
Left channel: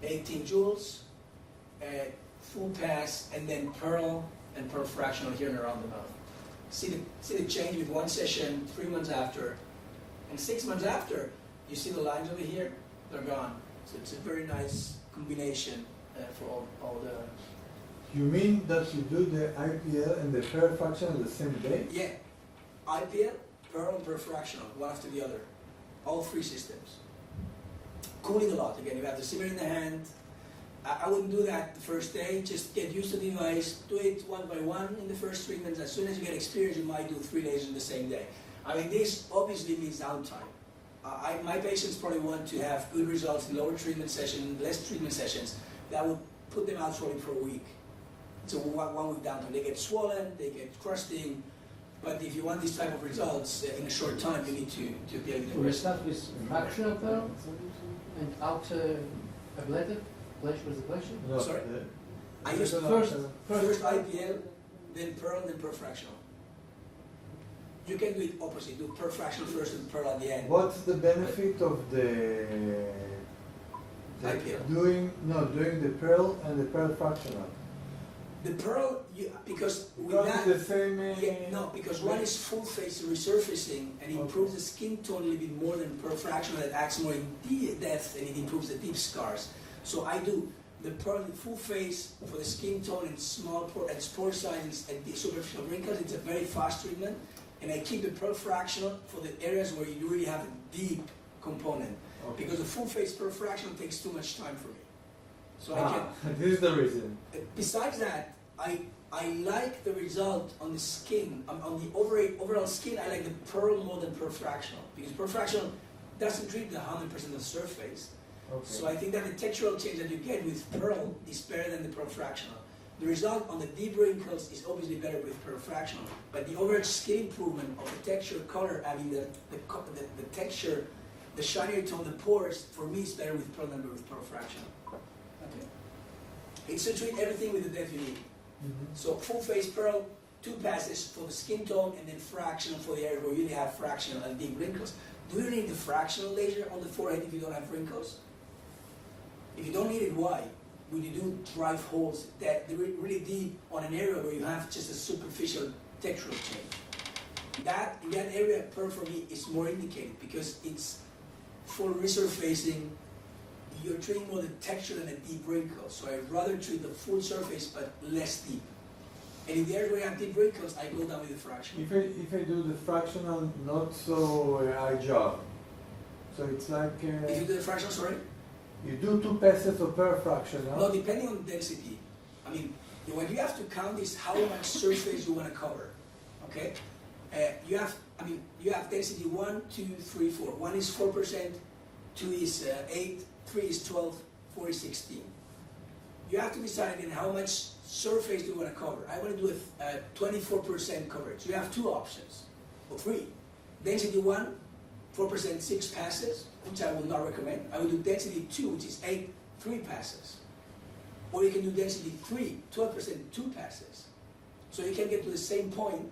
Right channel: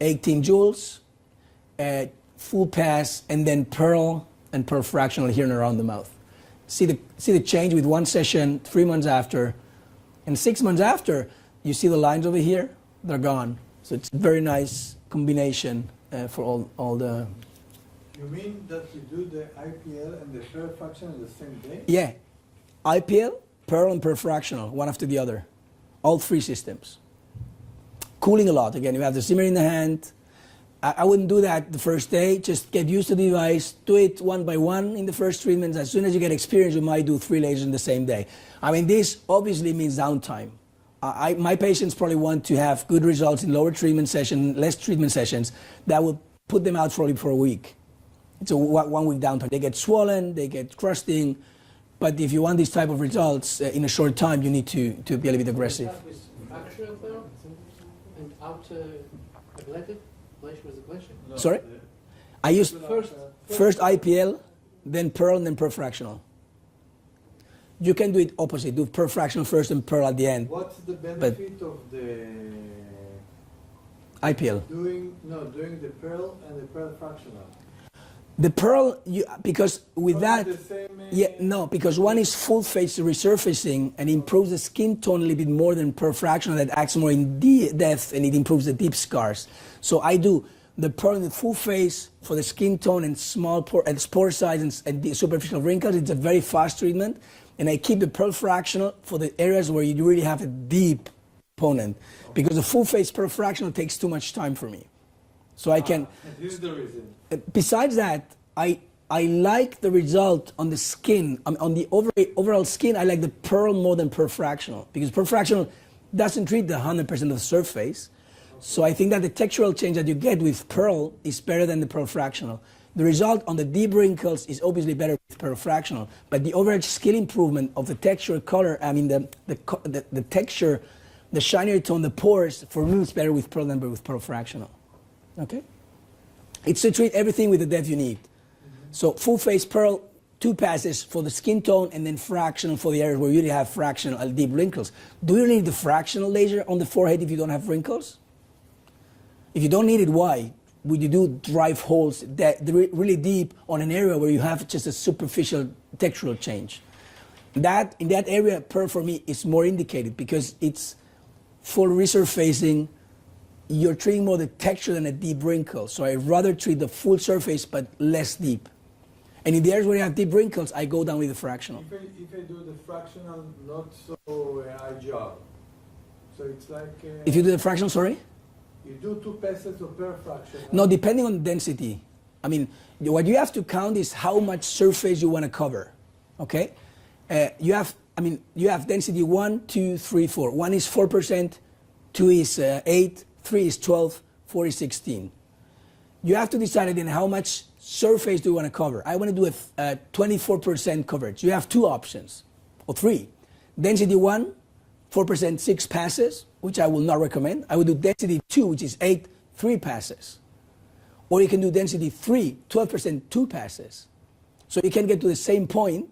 18 joules, full pass, and then pearl and pearl fractional here and around the mouth. See the change with one session 3 months after, and 6 months after, you see the lines over here, they're gone. So it's a very nice combination for all the. You mean that you do the IPL and the pearl fraction on the same day? Yeah, IPL, pearl, and pearl fractional, one after the other, all three systems. Cooling a lot. Again, you have the simmer in the hand. I wouldn't do that the first day. Just get used to the device. Do it one by one in the first treatments. As soon as you get experience, you might do 3 lasers in the same day. I mean, this obviously means downtime. My patients probably want to have good results in lower treatment session, less treatment sessions. That would put them out probably for a week. It's a 1 week downtime. They get swollen, they get crusting. But if you want these type of results in a short time, you need to be a little bit aggressive. You start with fractional pearl and outer ablative. Bleach was the bleaching? No, Sorry? I used First- first IPL, then pearl, and then pearl fractional. You can do it opposite. Do pearl fractional first and pearl at the end. What's the benefit of the IPL. doing the pearl and the pearl fractional? The pearl, because with Probably that, the same, because one is full face resurfacing and improves the skin tone a little bit more than pearl fractional that acts more in depth and it improves the deep scars. So I do the pearl in the full face for the skin tone and small pore size and the superficial wrinkles. It's a very fast treatment. And I keep the pearl fractional for the areas where you really have a deep component. Because the full face pearl fractional takes too much time for me. So I can. This is the reason. Besides that, I like the result on the skin, on the overall skin. I like the pearl more than pearl fractional because pearl fractional doesn't treat the 100% of the surface. Okay. So I think that the textural change that you get with pearl is better than the pearl fractional. The result on the deep wrinkles is obviously better with pearl fractional, but the overall skin improvement of the texture, color, I mean the texture, the shinier tone, the pores, for me, it's better with pearl than with pearl fractional. Okay? It's to treat everything with the depth you need. So full face pearl, 2 passes for the skin tone, and then fractional for the areas where you really have fractional and deep wrinkles. Do you need the fractional laser on the forehead if you don't have wrinkles? If you don't need it, why? Would you do drive holes that really deep on an area where you have just a superficial textural change? In that area, pearl for me is more indicated because it's full resurfacing. You're treating more the texture than a deep wrinkle. So I'd rather treat the full surface but less deep. And in the areas where you have deep wrinkles, I go down with the fractional. If I do the fractional, not so high job. So it's like. If you do the fractional, sorry? You do 2 passes of per fraction. Huh? No, depending on density. I mean, what you have to count is how much surface you want to cover. Okay? You have density 1, 2, 3, 4. 1 is 4%, 2 is 8, 3 is 12, 4 is 16. You have to decide then how much surface do you want to cover. I want to do a 24% coverage. You have 2 options, or 3. Density 1, 4%, 6 passes, which I will not recommend. I would do density 2, which is 8, 3 passes. Or you can do density 3, 12%, 2 passes. So you can get to the same point,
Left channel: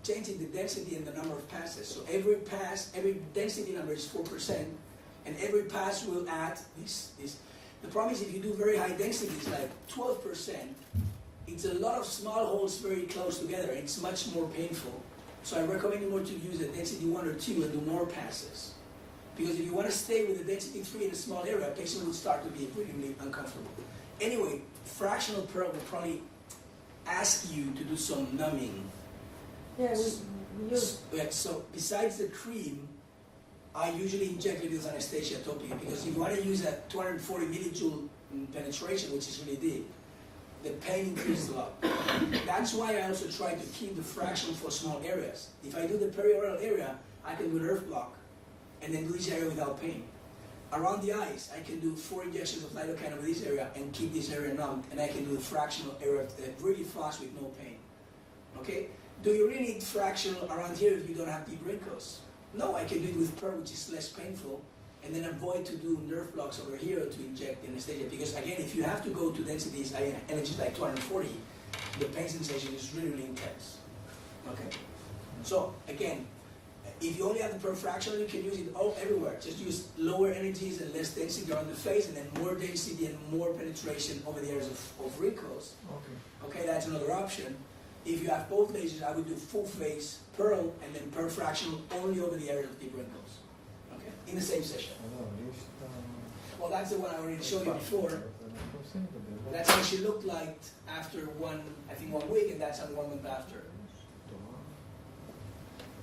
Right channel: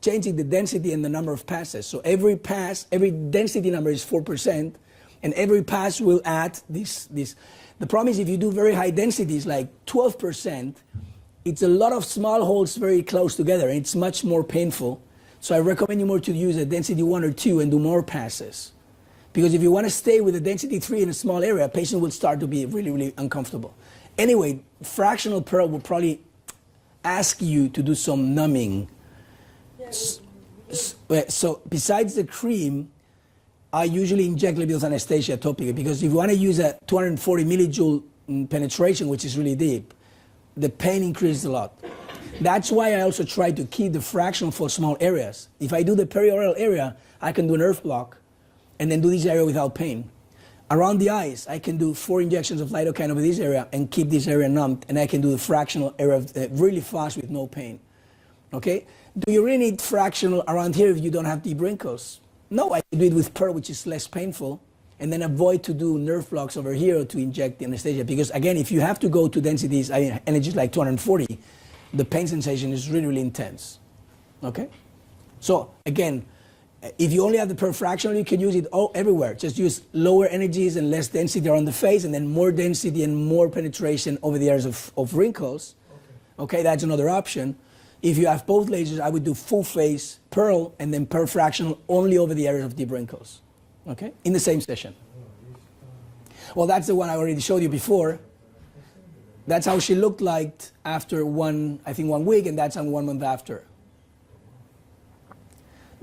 changing the density and the number of passes. So every pass, every density number is 4%, and every pass will add this. The problem is if you do very high densities, like 12%, it's a lot of small holes very close together, and it's much more painful. So I recommend you more to use a density 1 or 2 and do more passes. Because if you want to stay with a density 3 in a small area, a patient will start to be really, really uncomfortable. Anyway, fractional pearl will probably ask you to do some numbing. Yeah, So besides the cream, I usually inject a little bit of anesthesia topically, because if you want to use a 240 millijoule penetration, which is really deep, the pain increases a lot. That's why I also try to keep the fractional for small areas. If I do the perioral area, I can do an earth block and then do this area without pain. Around the eyes, I can do 4 injections of lidocaine over this area and keep this area numbed, and I can do the fractional area really fast with no pain. Okay? Do you really need fractional around here if you don't have deep wrinkles? No, I can do it with pearl, which is less painful, and then avoid to do nerve blocks over here or to inject the anesthesia. Because again, if you have to go to densities, energies like 240, the pain sensation is really, really intense. Okay? So again, if you only have the pearl fractional, you can use it everywhere. Just use lower energies and less density around the face, and then more density and more penetration over the areas of wrinkles. Okay, that's another option. If you have both lasers, I would do full face pearl and then pearl fractional only over the areas of deep wrinkles. Okay, in the same session. Well, that's the one I already showed you before. That's how she looked like after one week, and that's on 1 month after.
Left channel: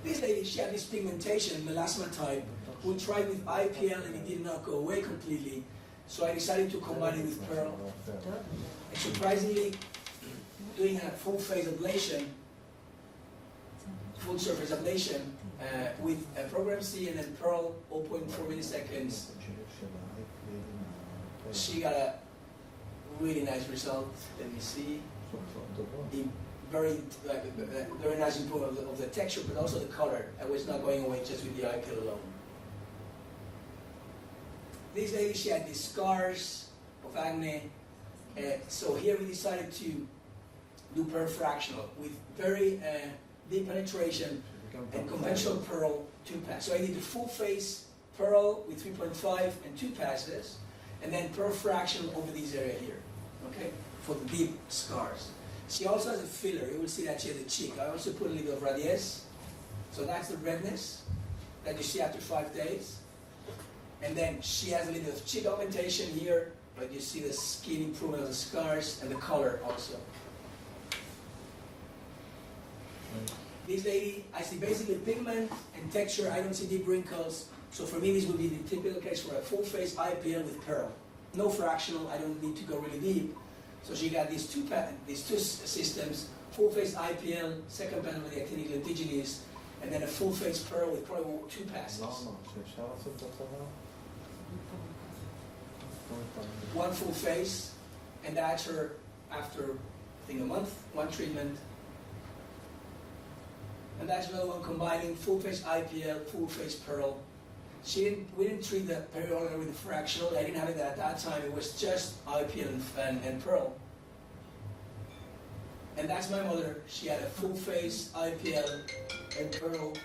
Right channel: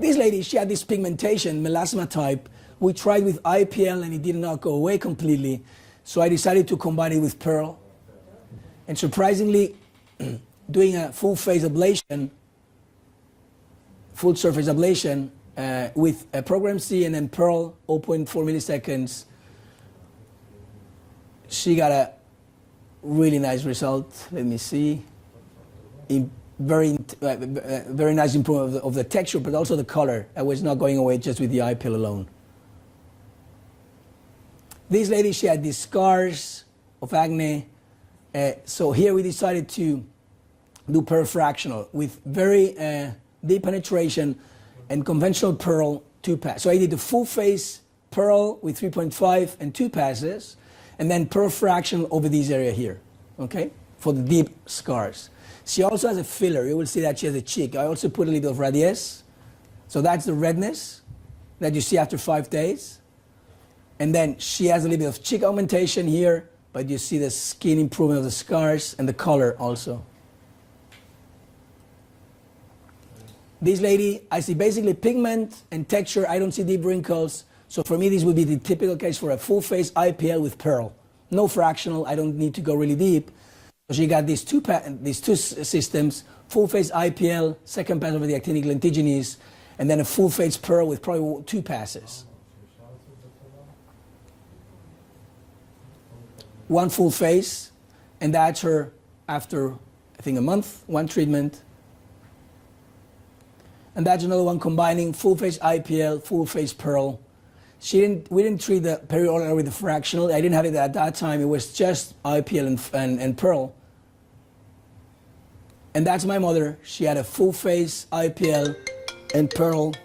This lady, she had this pigmentation, melasma type. We tried with IPL and it did not go away completely. So I decided to combine it with pearl. And surprisingly, doing a full phase ablation, full surface ablation with a program C and then pearl 0.4 milliseconds, she got a really nice result. Let me see. Very nice improvement of the texture, but also the color. I was not going away just with the eye pill alone. This lady, she had these scars of acne. So here we decided to do pearl fractional with very deep penetration and conventional pearl 2 passes. So I did the full face pearl with 3.5 and 2 passes, and then pearl fractional over this area here, okay, for the deep scars. She also has a filler. You will see that she has a cheek. I also put a little of radiesse. So that's the redness that you see after 5 days. And then she has a little bit of cheek augmentation here, but you see the skin improvement of the scars and the color also. This lady, I see basically pigment and texture. I don't see deep wrinkles. So for me, this would be the typical case for a full face IPL with pearl. No fractional. I don't need to go really deep. So she got these two systems, full face IPL, second pass over the actinic lentiginous, and then a full face pearl with probably 2 passes. 1 full face, and that's her after, I think, a month, 1 treatment. And that's another one combining full face IPL, full face pearl. We didn't treat the perioral with the fractional. I didn't have it at that time. It was just IPL and pearl. And that's my mother. She had a full face IPL and pearl.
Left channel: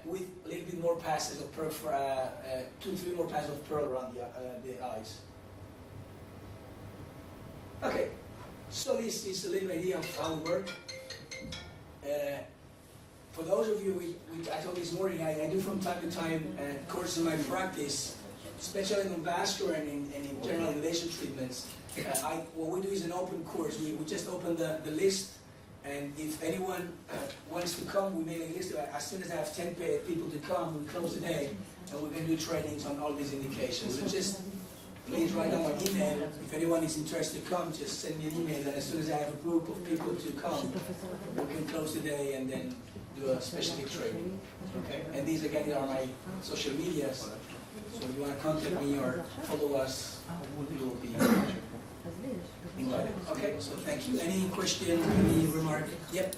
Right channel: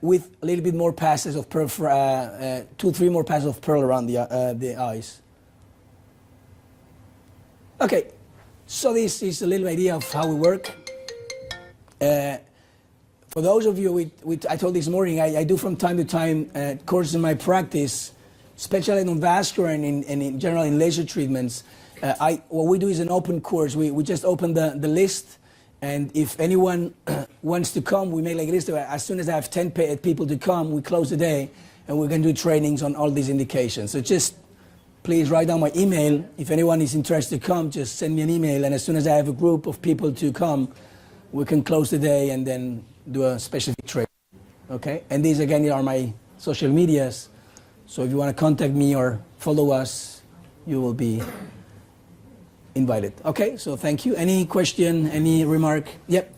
With a little bit more passes of pearl, 2-3 more passes of pearl around the eyes. Okay, so this is a little idea of how we work. For those of you, I told this morning, I do from time to time courses in my practice, especially on vascular and in general in laser treatments. What we do is an open course. We just open the list, and if anyone wants to come, we make like a list. As soon as I have 10 people to come, we close the day, and we're going to do trainings on all these indications. So just please write down my email. If anyone is interested to come, just send me an email, and as soon as I have a group of people to come, we can close the day and then do a specific training. Okay? And these again are my social medias. So if you want to contact me or follow us, you will be invited. Okay, so thank you. Any question, any remark? Yep.